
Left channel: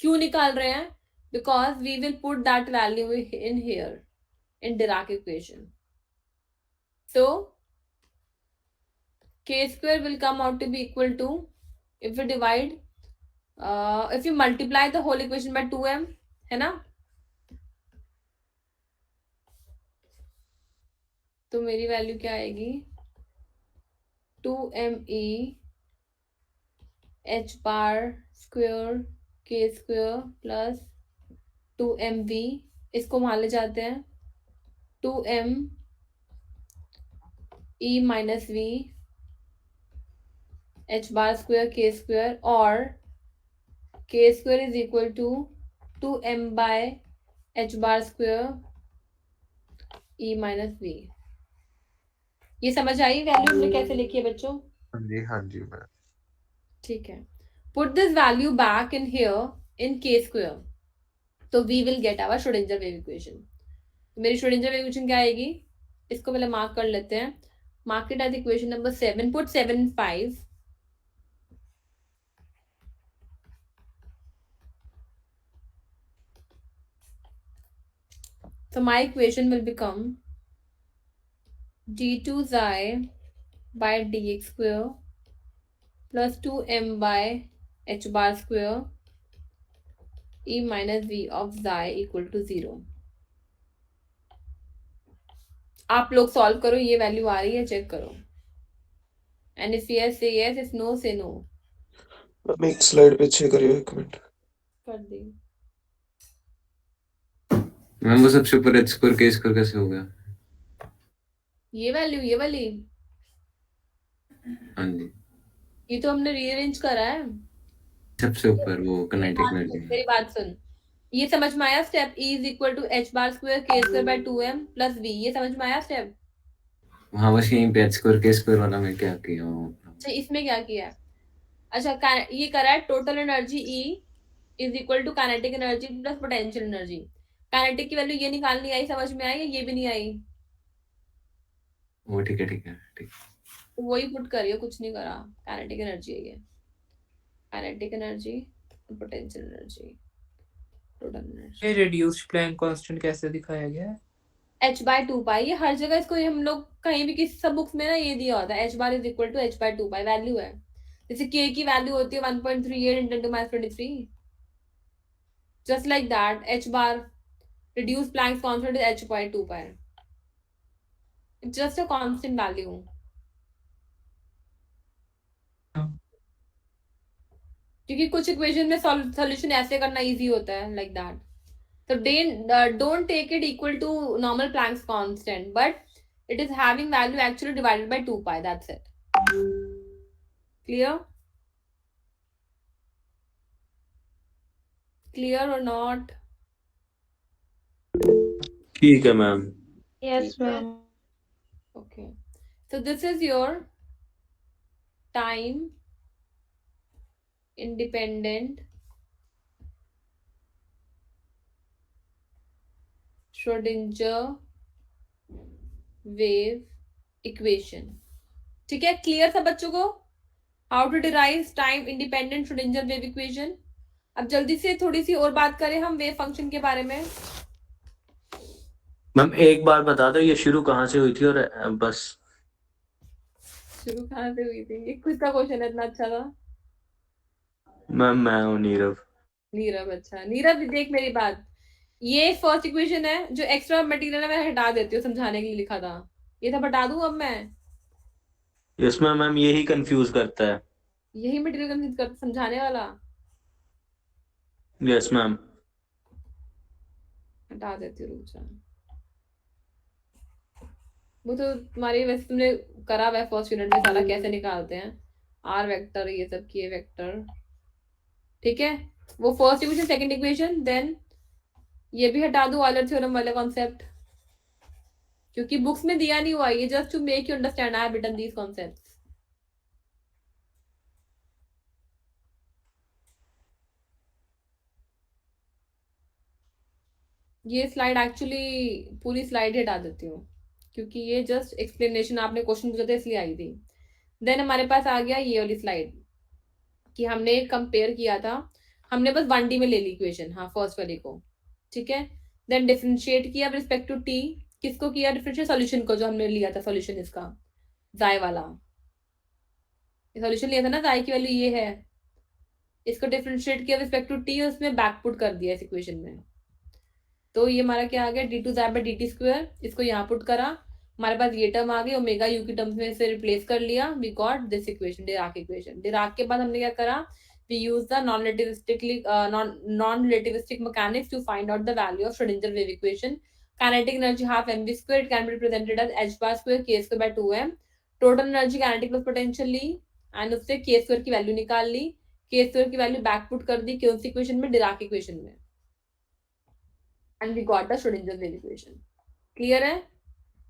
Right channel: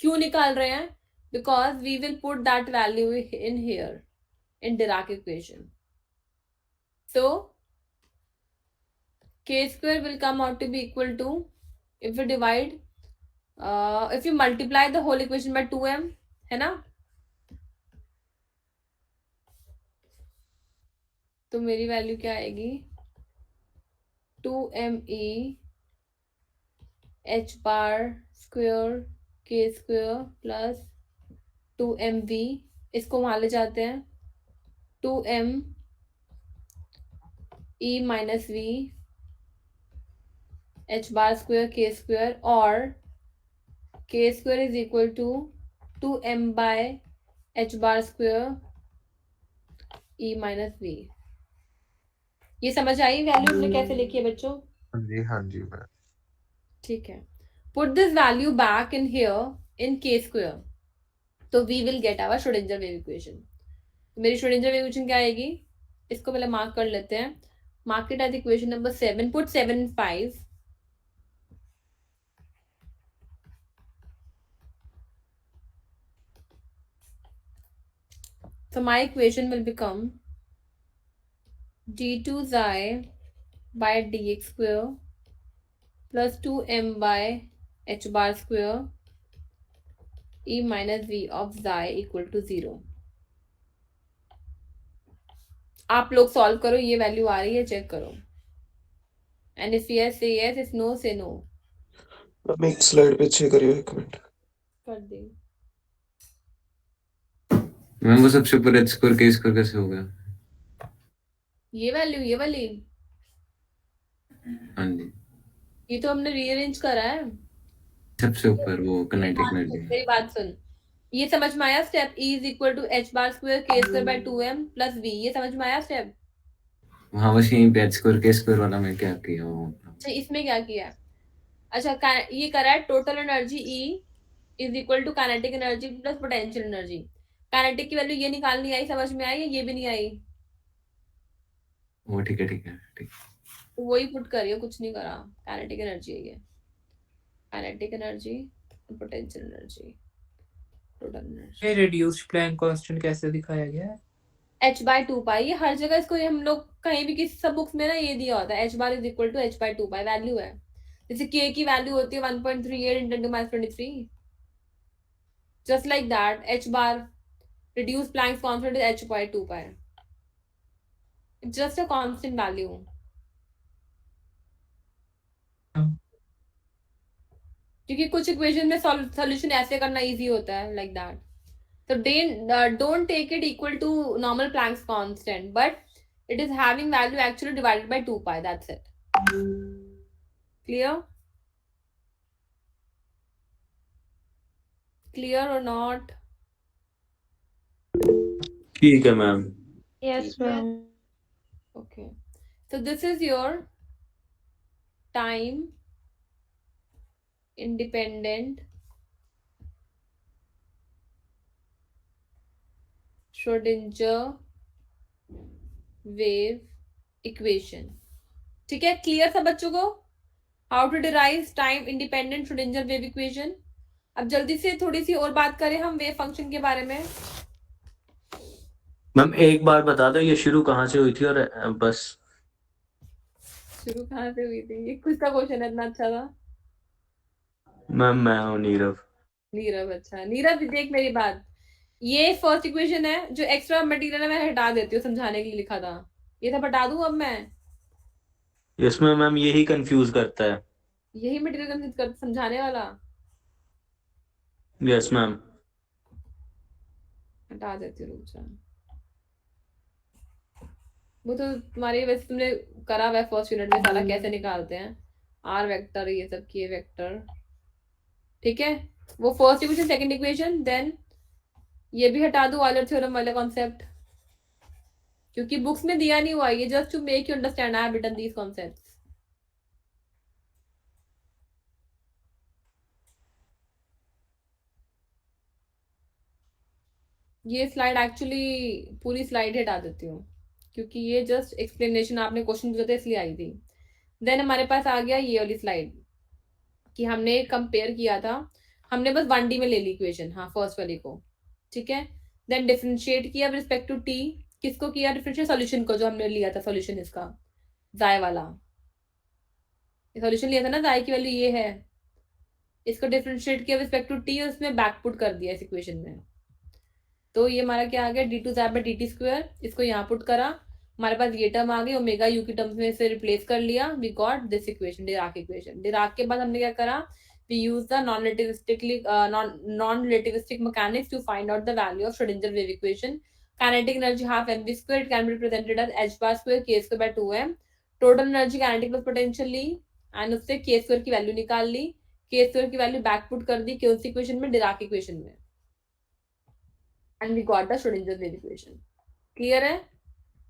क्यों निकाल रहे हैं? Because we will put that value in here in Dirac equation. So k square will come out to be equal to, if we divide, if you multiply the whole equation by 2m, है ना, तो मेरी value क्या आएगी? 2me h bar square k square plus 2mv. इसको वहां ले जाते हैं. 2m e minus v h bar square k square, और k square is equal to 2m by h bar square e minus v. ये समझ आई वैल्यू हमने कैसे लिखी है बच्चों? हाँ जी मैम. ठीक है. Put this value back in here in k square. तो we will get our Schrödinger wave equation. मेरी Schrödinger wave equation क्या आएगी? इसको पहले मार्क कर लेते हैं. Mark it as equation number 7. Put 7 and 5. So my equation will become d2 xi by dx square plus 2m by h bar square e minus v of xi equal to 0. आप लोग solve करो, ये value आ रही है, check करो. And if yes से yes, if no से no. Ma'am एक स्लाइड पीछे करियो, एक मिनट. कर दी. मैम वो सबसे ऊपर h स्क्वायर k स्क्वायर कैसे हो गया? ये वैल्यू, ये वाली, हाँ जी, ये तो हमने रीअरेंज करा है. सबसे ऊपर वो kinetic energy. मेरी बात सुन, ये समझ में आया step? E is equal to h bar square k square by 2m plus v. ये समझ में आया स्टेप? हाँ बस यहीं पे h स्क्वायर k स्क्वायर वाला मैं क्या किया हूँ. अच्छा, इसमें क्या किया? अच्छा, ये करा है total energy E is equal to kinetic energy plus potential energy. Kinetic की वैल्यू ये निकालनी आई, समझ में आई? ये भी नहीं आई. वो ठीक है ठीक है ठीक. वही पुट करिए, कुछ नहीं करा. काइनेटिक एनर्जी है ये. Kinetic energy, potential energy, total energy. ये रिड्यूस्ड प्लैंक कांस्टेंट कैसे दिखाया गया है? h by 2 pi. ये हर जगह इसको हम लोग कहीं भी किसी सब बुक्स में ना ये दिया होता है. h bar is equal to h by 2 pi value है. जैसे k की वैल्यू होती है 1.38 into 10 to minus 23. Just like that, h bar reduced Planck's constant is h by 2 pi. It's just a constant value. क्योंकि कुछ equation में solution ऐसे करना इजी होता है, like that. So don't take it equal to normal Planck's constant, but it is having value actually divided by 2 pi. That's it. Clear? Clear or not? ठीक है ma'am. Yes, ma'am. Okay. So this is your time independent Schrödinger wave equation. ठीक है, clear सब बच्चों को? How to derive time independent Schrödinger wave equation. अब जल्दी से थोड़ी सी और बात करें हम वेव फंक्शन के बारे में. मैम एक बार बता दो ये शुरू कहाँ से हुई थी और बस. शुरू कहाँ से हुई थी? ये कुछ का क्वेश्चन है, इतना अच्छा था. मैम मैं हूँ नीरव. नीरव, अच्छा नीरव देख मेरी बात. ये फर्स्ट इक्वेशन है, जो एक्स्ट्रा मटेरियल है मैं हटा देती हूँ, समझाने के लिए लिखा था. ये सब हटा दूं अब मैं? इसमें मैम यही कंफ्यूज करता है. यही मटेरियल समझाने वाला. Yes ma'am. हटा देती हूँ, रुक जा. वो तो तुम्हारी वैसे तुमने करा हुआ है फर्स्ट यूनिट में, सारा कैसे निकालते हैं आर वेक्टर, ये सब के वेक्टर. ठीक है, वो first equation, second equation, then ये भी हटा दो ऑयलर थ्योरम वाला कॉन्सेप्ट, क्योंकि बुक्स में दिया नहीं हुआ. ये just to make you understand I have written these concepts. ये स्लाइड एक्चुअली पूरी स्लाइड हटा देती हूँ, क्योंकि ये जस्ट एक्सप्लेनेशन आपने क्वेश्चन पूछा था इसलिए आई थी। देन हमारे पास आ गया ये वाली स्लाइड कि हमने कंपेयर किया था, हमने बस 1D में ले ली इक्वेशन, हाँ फर्स्ट वाली को, ठीक है। देन डिफरेंशिएट किया विद रिस्पेक्ट टू टी, किसको किया डिफरेंशिएट, सॉल्यूशन को, जो हमने लिया था सॉल्यूशन इसका जाय वाला सॉल्यूशन लिया था ना, जाय की वैल्यू ये है, इसको डिफरेंशिएट किया विद रिस्पेक्ट टू टी, उसमें बैकपुट कर दिया इस इक्वेशन में। तो ये हमारा क्या आ गया, डी टू जाय बाय डी टी स्क्वायर, इसको यहाँ पुट करा, हमारे पास ये टर्म आ गई, ओमेगा यू की टर्म्स में से रिप्लेस कर लिया, we got this equation, Dirac equation. Dirac के बाद हमने क्या करा, we use the non-relativistic mechanics to find out the value of Schrödinger wave equation. Kinetic energy half mv square, it can be represented as h bar square k square by 2m. Total energy kinetic plus potential ली and उससे k square की वैल्यू निकाल ली, k square की वैल्यू back put कर दी कौन सी इक्वेशन में, डिराक इक्वेशन में, and we got the Schrödinger wave equation. Clear है?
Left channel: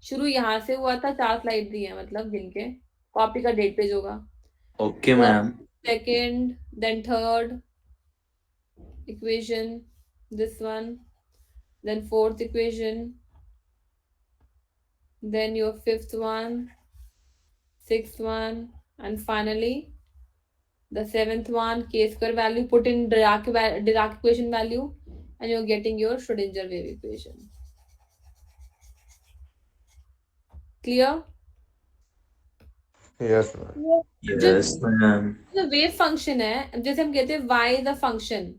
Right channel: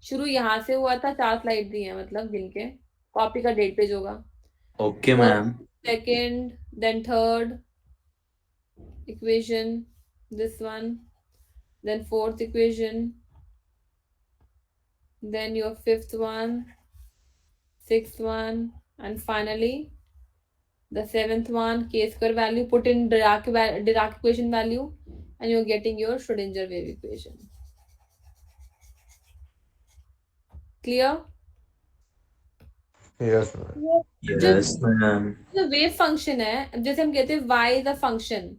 शुरू यहाँ से हुआ था, 4 स्लाइड दी है, मतलब गिनके, कॉपी का डेट पेज होगा। Okay ma'am. Second, then third equation, this one, then fourth equation, then your fifth one, sixth one, and finally the seventh one, k square value, put in Dirac equation value, and you're getting your Schrödinger wave equation. Clear? Yes yes ma'am. जो wave function है, जैसे हम कहते हैं y is a function,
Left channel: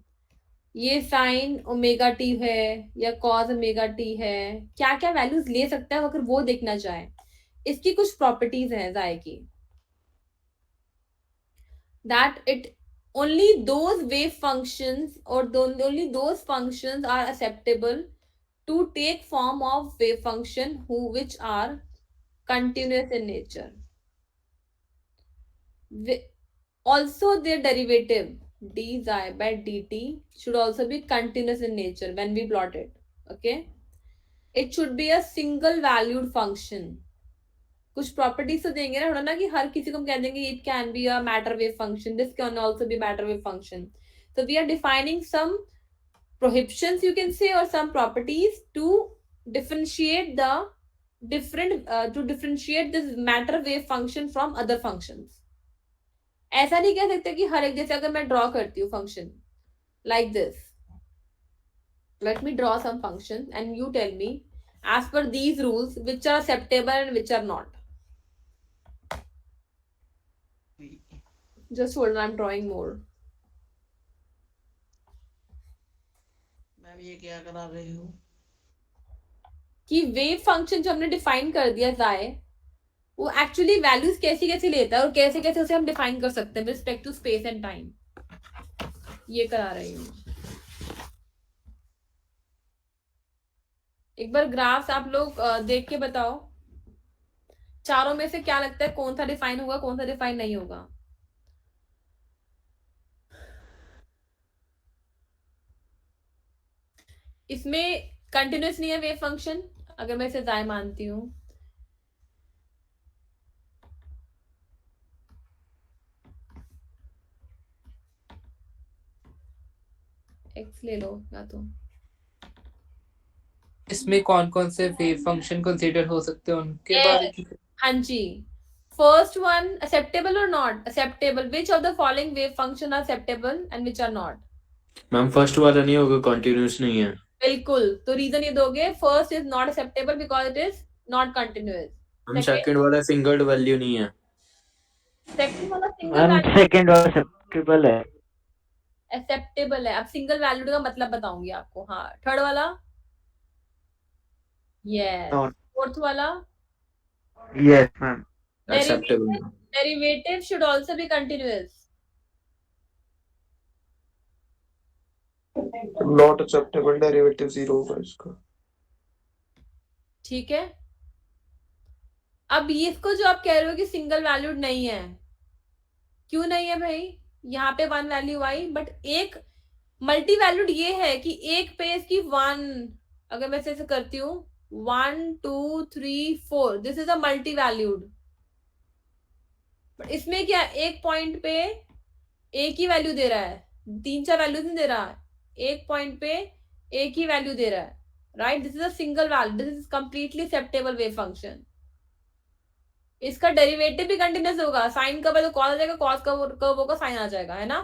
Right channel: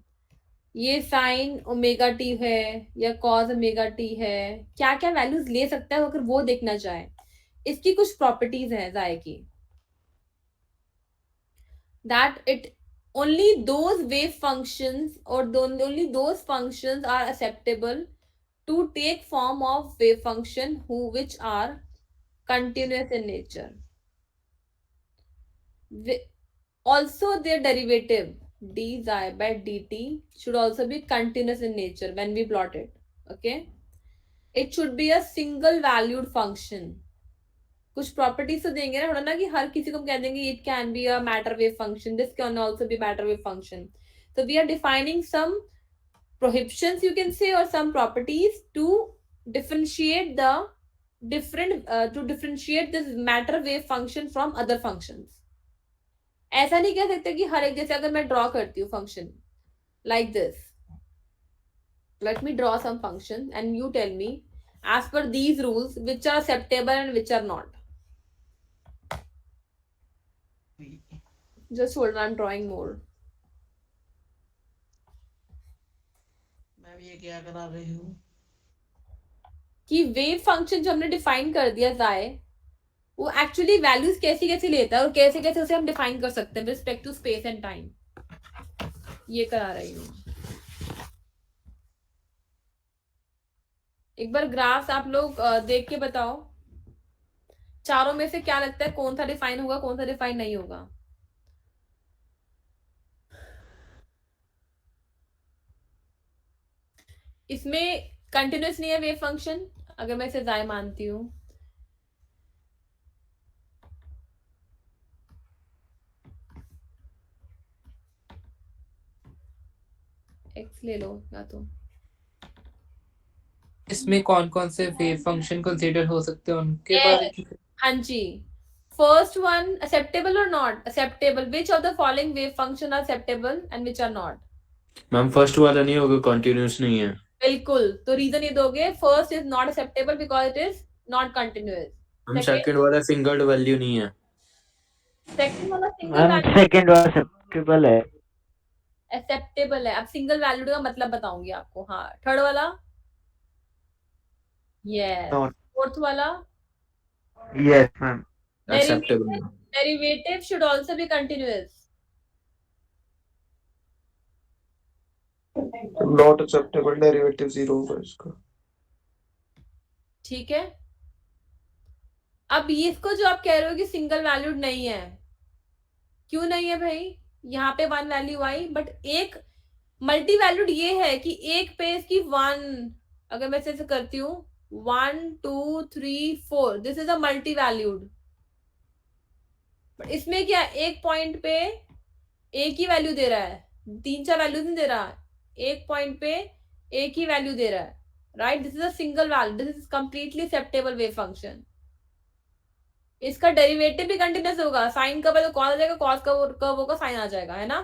ये sine omega T है या cos omega T है, क्या क्या वैल्यूज ले सकता है अगर वो देखना चाहे, इसकी कुछ प्रॉपर्टीज हैं जाय की, that it only those wave functions और only those functions are acceptable to take form of wave function who which are continuous in nature. Also their derivative d xi by dt should also be continuous in nature when we plot it. Okay, it should be a single valued function. कुछ properties तो देंगे ना, ना कि हर किसी को हम कह देंगे it can be a matter wave function, this can also be matter wave function. So we are defining some prohibitions, you can say, or some properties to differentiate the differentiate this matter wave function from other functions. ऐसा नहीं कह सकते कि हर एक, जैसे अगर मैं draw करती हूँ function like this, let me draw some function and you tell me as per these rules which are acceptable and which are not. Just hold, I am drawing more. मैं ये क्या करा रही हूँ कि वेव फंक्शन जो हमने define कर दिया जाए, वो एक्चुअली वैल्यूज कैसी कैसी लेता है और कैसे कैसे उसे हम डिफाइन कर सकते हैं with respect to space and time, ये करा रही हूँ। एक बार ग्राफ्स आप लोग देख के बताओ, चारों में से क्या लगता है कौन सा डिफाइन होगा, कौन सा डिफाइन नहीं होगा। इसमें कंटिन्यूस नहीं है वेव फंक्शन, अगर मैं इसे जाय मानती हूँ, एक्स ले लो या तो, इसमें कौन कौन से वेव फंक्शन कंसीडर हो सकते हैं उनके बारे में? हाँ जी, फर्स्ट वन एक्सेप्टेबल और not acceptable, which of the following wave function are acceptable and which are not. Ma'am first वाला नहीं होगा, कंटिन्यूअस नहीं है। बिल्कुल, तो रीजन ये दोगे, first is not acceptable because it is not continuous. हम सेकंड वाला सिंगल वैल्यू नहीं है। सेकंड वाला सिंगल वैल्यू सेकंड वाला एक्सेप्टेबल है। एक्सेप्टेबल है। अब सिंगल वैल्यूड का मतलब बताऊंगी आपको। हाँ, थर्ड वाला यस, फोर्थ वाला yes ma'am. Acceptable. Derivative should also B continuous. Not acceptable, derivative 0 होगा इसका। ठीक है, अब इसको जो आप कह रहे हो कि सिंगल वैल्यूड नहीं है, क्यों नहीं है भाई? यहाँ पे वन वैल्यू आई, बट एक मल्टी वैल्यूड ये है कि एक पे इसकी वन, अगर मैं ऐसे करती हूँ 1 2 3 4, this is a multi valued. But इसमें क्या, एक पॉइंट पे एक ही वैल्यू दे रहा है, 3 4 वैल्यूज नहीं दे रहा, एक पॉइंट पे एक ही वैल्यू दे रहा है, right, this is a single value, this is completely acceptable wave function. इसका डेरिवेटिव भी कंटिन्यूस होगा, साइन कब है तो कॉस आ जाएगा, कॉस कब होगा साइन आ जाएगा, है ना।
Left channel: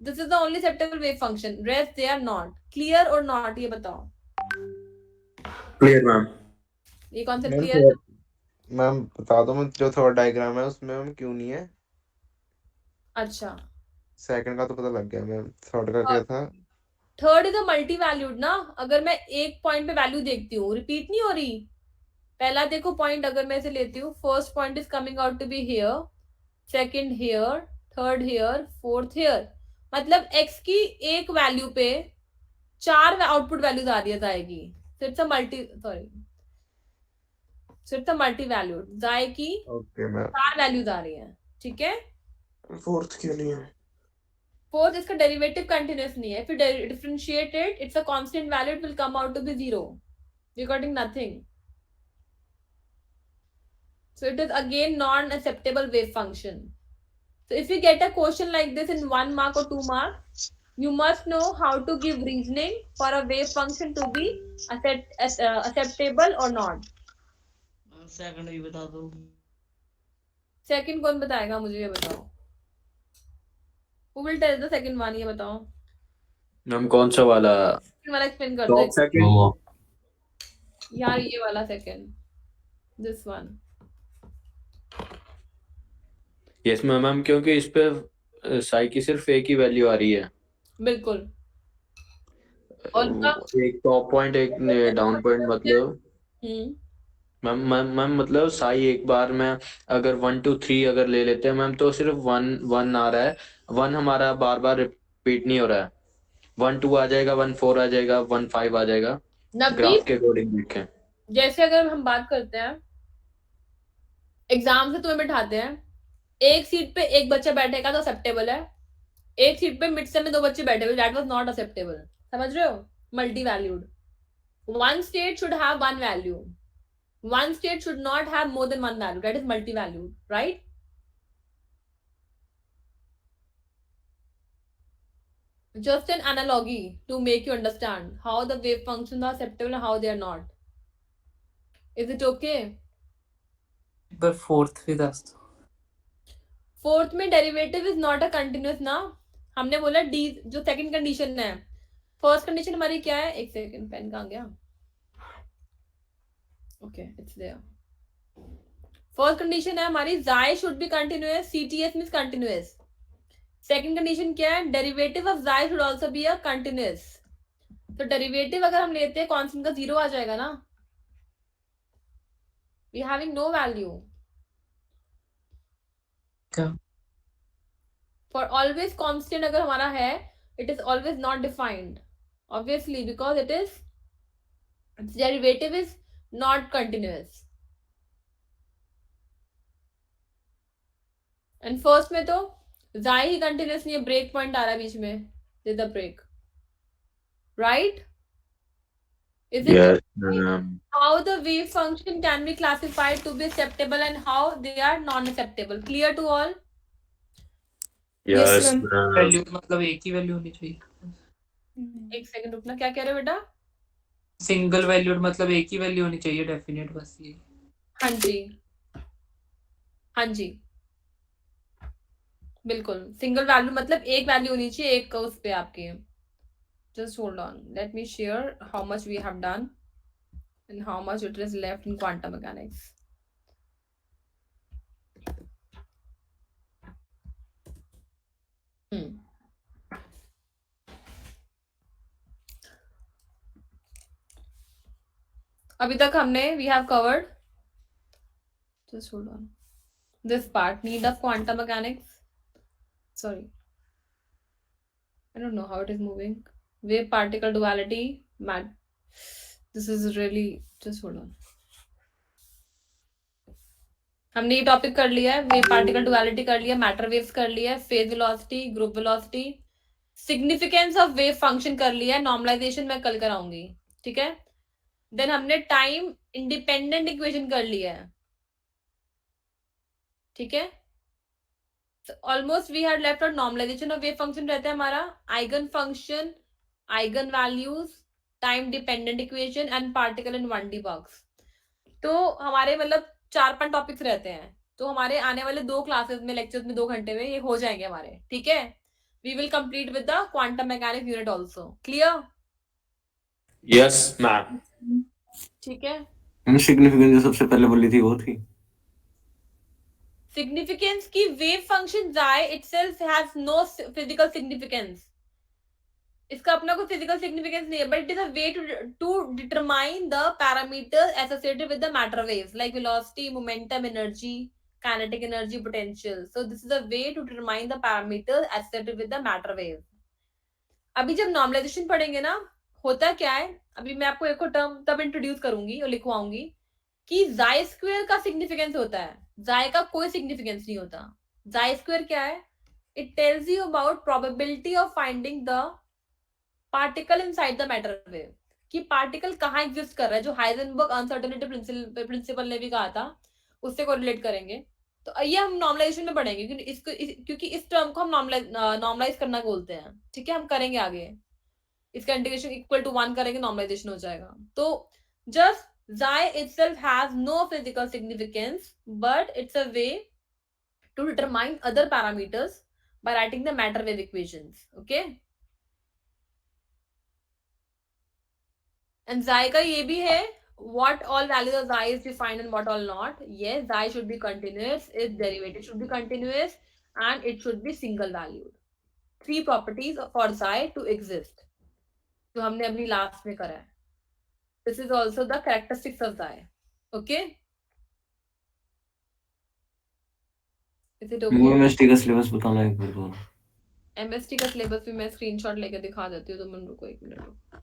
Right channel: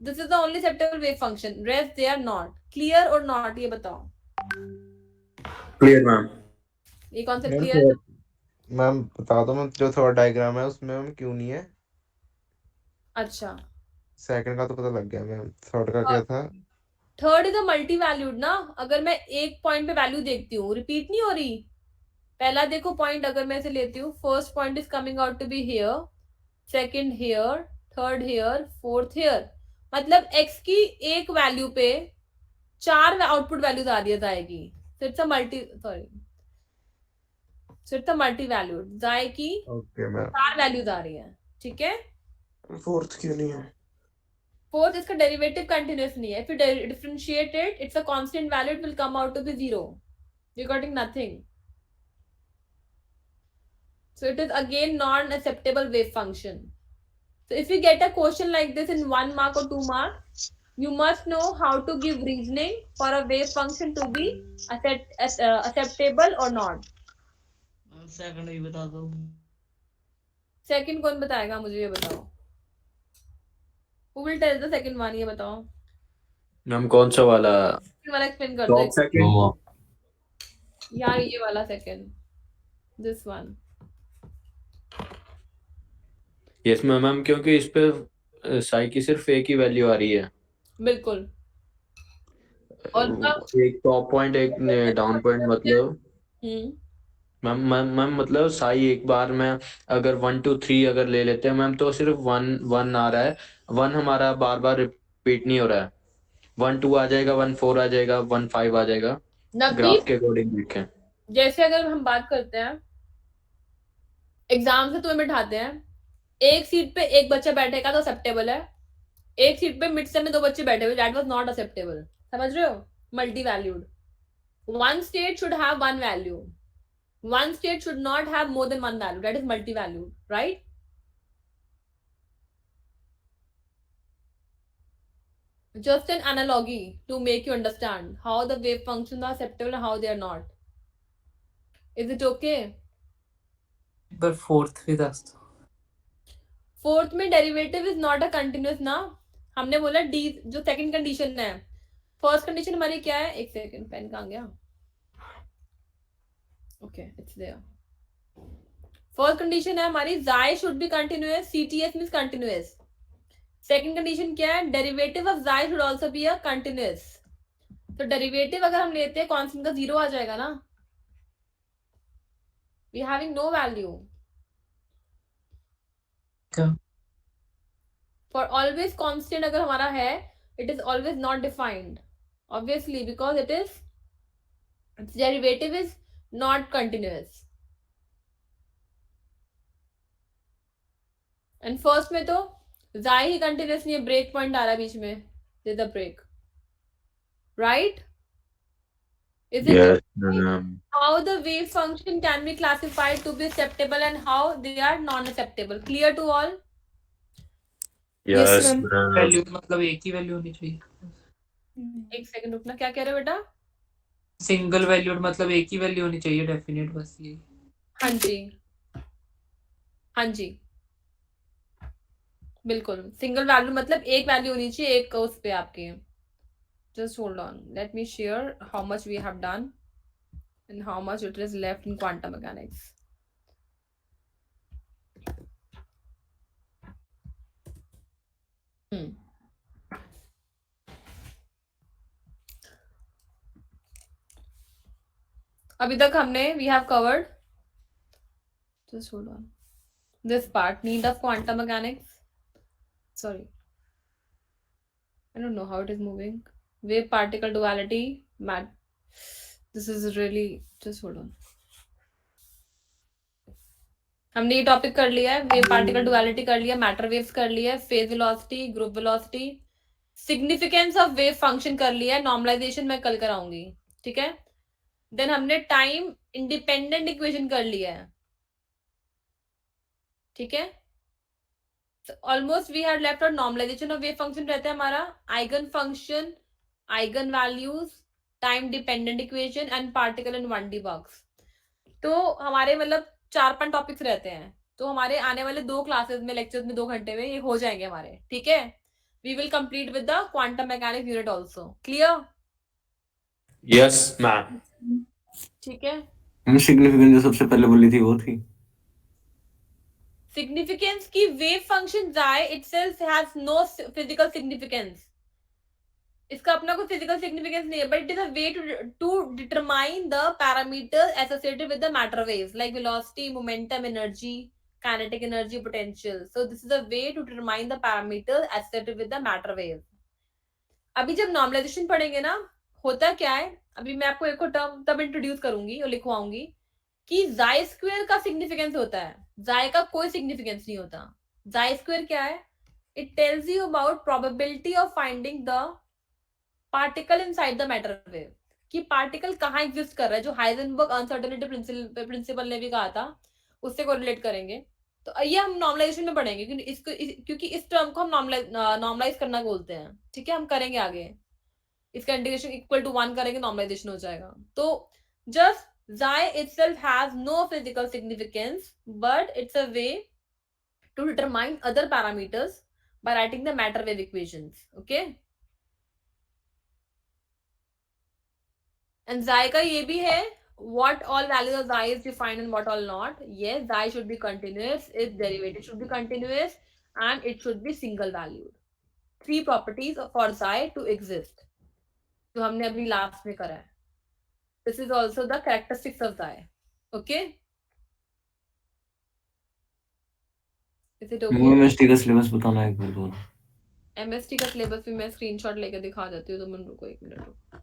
This is the only acceptable wave function, rest they are not. Clear और नॉट, ये बताओ। Clear ma'am. ये कॉन्सेप्ट मैम क्लियर है? मैम बता दो, मैम जो थर्ड डायग्राम है उसमें मैम क्यों नहीं है? अच्छा, सेकंड का तो पता लग गया मैम, थर्ड का क्या था? Third is a multi valued ना। अगर मैं एक पॉइंट पे वैल्यू देखती हूँ, रिपीट नहीं हो रही। पहला देखो पॉइंट, अगर मैं इसे लेती हूँ, first point is coming out to be here, second here, third here, fourth here. मतलब x की एक वैल्यू पे 4 आउटपुट वैल्यूज आ रही जाएगी। So it's a multi valued, जाए की ओके मैम। 4 वैल्यूज आ रही हैं, ठीक है। फोर्थ क्यों नहीं है? फोर्थ, इसका डेरिवेटिव कंटिन्यूस नहीं है। If you differentiate it, it's a constant value, it will come out to be 0. You're getting nothing. So it is again non-acceptable wave function. So if you get a question like this in 1 mark or 2 mark, you must know how to give reasoning for a wave function to be acceptable or not. Second भी बता दो। Second कौन बताएगा मुझे, ये बताओ। Who will tell the second one, ये बताओ। मैम कौन सा वाला? Second वाला एक्सप्लेन कर टॉप दो सेकंड। यार, ये वाला second, this one. Yes ma'am, क्योंकि इस पे साई की सिर्फ एक ही वैल्यू आ रही है। बिल्कुल। और एक टॉप पॉइंट एक डाउन पॉइंट, मतलब मैम मैम मतलब साई एक बार में अगर 1 2 3 अगर ले लेते हैं मैम, तो सिर्फ 1 1 आ रहा है। 1 हमारा बार बार रिपीट नहीं हो रहा है। 1 2 आ जाएगा, 1 4 आ जाएगा, 1 5 आ जाएगा, ग्राफ के अकॉर्डिंग देखें। जैसे अगर हम बात करते हैं, एग्जाम से तुम्हें बिठाते हैं, एक सीट पे एक बच्चा बैठेगा तो एक्सेप्टेबल है, एक सीट पे मिड से में 2 बच्चे बैठे हुए, दैट वाज नॉट एक्सेप्टेबल। समझ रहे हो? Multi valued, one state should have one value, one state should not have more than one value, that is multi valued, right. Just an analogy to make you understand how the wave functions are acceptable and how they are not. Is it okay? पर fourth भी दस दो। Fourth में derivative is not a continuous ना। हमने बोला D, जो second condition है, फर्स्ट कंडीशन हमारी क्या है? एक सेकंड, पेन कहाँ गया? Okay, it's there. First condition है हमारी, psi should be continuous, CTS means continuous. Second condition क्या है? Derivative of psi should also be a continuous. तो डेरिवेटिव अगर हम लेते हैं कांस्टेंट का 0 आ जाएगा ना, we having no value. For always constant अगर हमारा है, it is always not defined, obviously, because its derivative is not continuous. And first में तो जाए ही continuous नहीं है, break point आ रहा है बीच में, did the break, right? Is it Yes, clear ma'am. how the wave function can be classified to be acceptable and how they are non-acceptable? Clear to all? Yes, ma'am. ma'am. Value मतलब एक ही value होनी चाहिए। एक second रुकना, क्या कह रहे हो बेटा? सिंगल वैल्यूड मतलब एक ही वैल्यू होनी चाहिए, डेफिनेट, बस ये। हाँ जी, हाँ जी, बिल्कुल। सिंगल वैल्यू मतलब एक वैल्यू होनी चाहिए एक उस पे आपके। Just hold on, let me share how much we have done and how much it is left in quantum mechanics. अभी तक हमने we have covered, just hold on, this part, need of quantum mechanics, sorry, I don't know how it is moving, wave particle duality, this is really, just hold on, हमने ये topic कर लिया है, wave particle duality कर लिया, matter waves कर लिया, phase velocity, group velocity, significance of wave function कर लिया, नॉर्मलाइजेशन मैं कल कराऊंगी, ठीक है। देन हमने टाइम इंडिपेंडेंट इक्वेशन कर लिया है, ठीक है। Almost we had left out normalisation of wave function रहता है हमारा, eigen function, eigen values, time dependent equation and particle in 1D box. तो हमारे मतलब 4-5 टॉपिक्स रहते हैं, तो हमारे आने वाले 2 क्लासेस में, लेक्चर्स में 2 घंटे में ये हो जाएंगे हमारे, ठीक है। We will complete with the quantum mechanics unit also. Clear? Yes ma'am. ठीक है। सिग्निफिकेंस जो सबसे पहले बोली थी वो थी सिग्निफिकेंस की वेव फंक्शन जाए itself has no physical significance. इसका अपना कोई फिजिकल सिग्निफिकेंस नहीं है, but it is a way to determine the parameters associated with the matter waves like velocity, momentum, energy, kinetic energy, potential. So this is a way to determine the parameters associated with the matter wave. अभी जब normalisation पढ़ेंगे ना, होता क्या है, अभी मैं आपको एक टर्म तब इंट्रोड्यूस करूंगी और लिखवाऊंगी कि जाई स्क्वायर का सिग्निफिकेंस होता है, जाई का कोई सिग्निफिकेंस नहीं होता। जाई स्क्वायर क्या है? It tells you about probability of finding the particle inside the matter wave, कि पार्टिकल कहाँ एग्जिस्ट कर रहा है, जो हाइजेनबर्ग अनसर्टेनिटी प्रिंसिपल ने भी कहा था, उससे कोरिलेट करेंगे। तो ये हम नॉर्मलाइजेशन में पढ़ेंगे, क्योंकि इस टर्म को हम नॉर्मलाइज करना बोलते हैं, ठीक है। हम करेंगे आगे, इसका इंटीग्रेशन इक्वल टू 1 करेंगे, नॉर्मलाइजेशन हो जाएगा। तो just xi itself has no physical significance, but it's a way to determine other parameters by writing the matter wave equations. Okay. And xi का ये भी है, what all values of xi is defined and what all not. Yes, xi should be continuous, its derivative should be continuous, and it should be single valued. 3 properties for xi to exist, जो हमने अभी last में करा है. This is also the characteristics of xi. Okay. Is it okay? MST का syllabus बताना एक बार और। MST का सिलेबस भी मैं स्क्रीनशॉट लेकर दिखा देती हूँ, तो मैं रुको 1 मिनट रुको।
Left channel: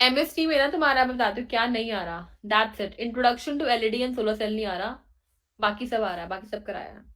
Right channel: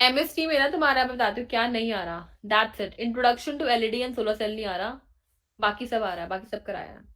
MST में ना तुम्हारा मैं बताती हूँ क्या नहीं आ रहा। That's it. Introduction to LED and solar cell नहीं आ रहा, बाकी सब आ रहा है, बाकी सब कराया है।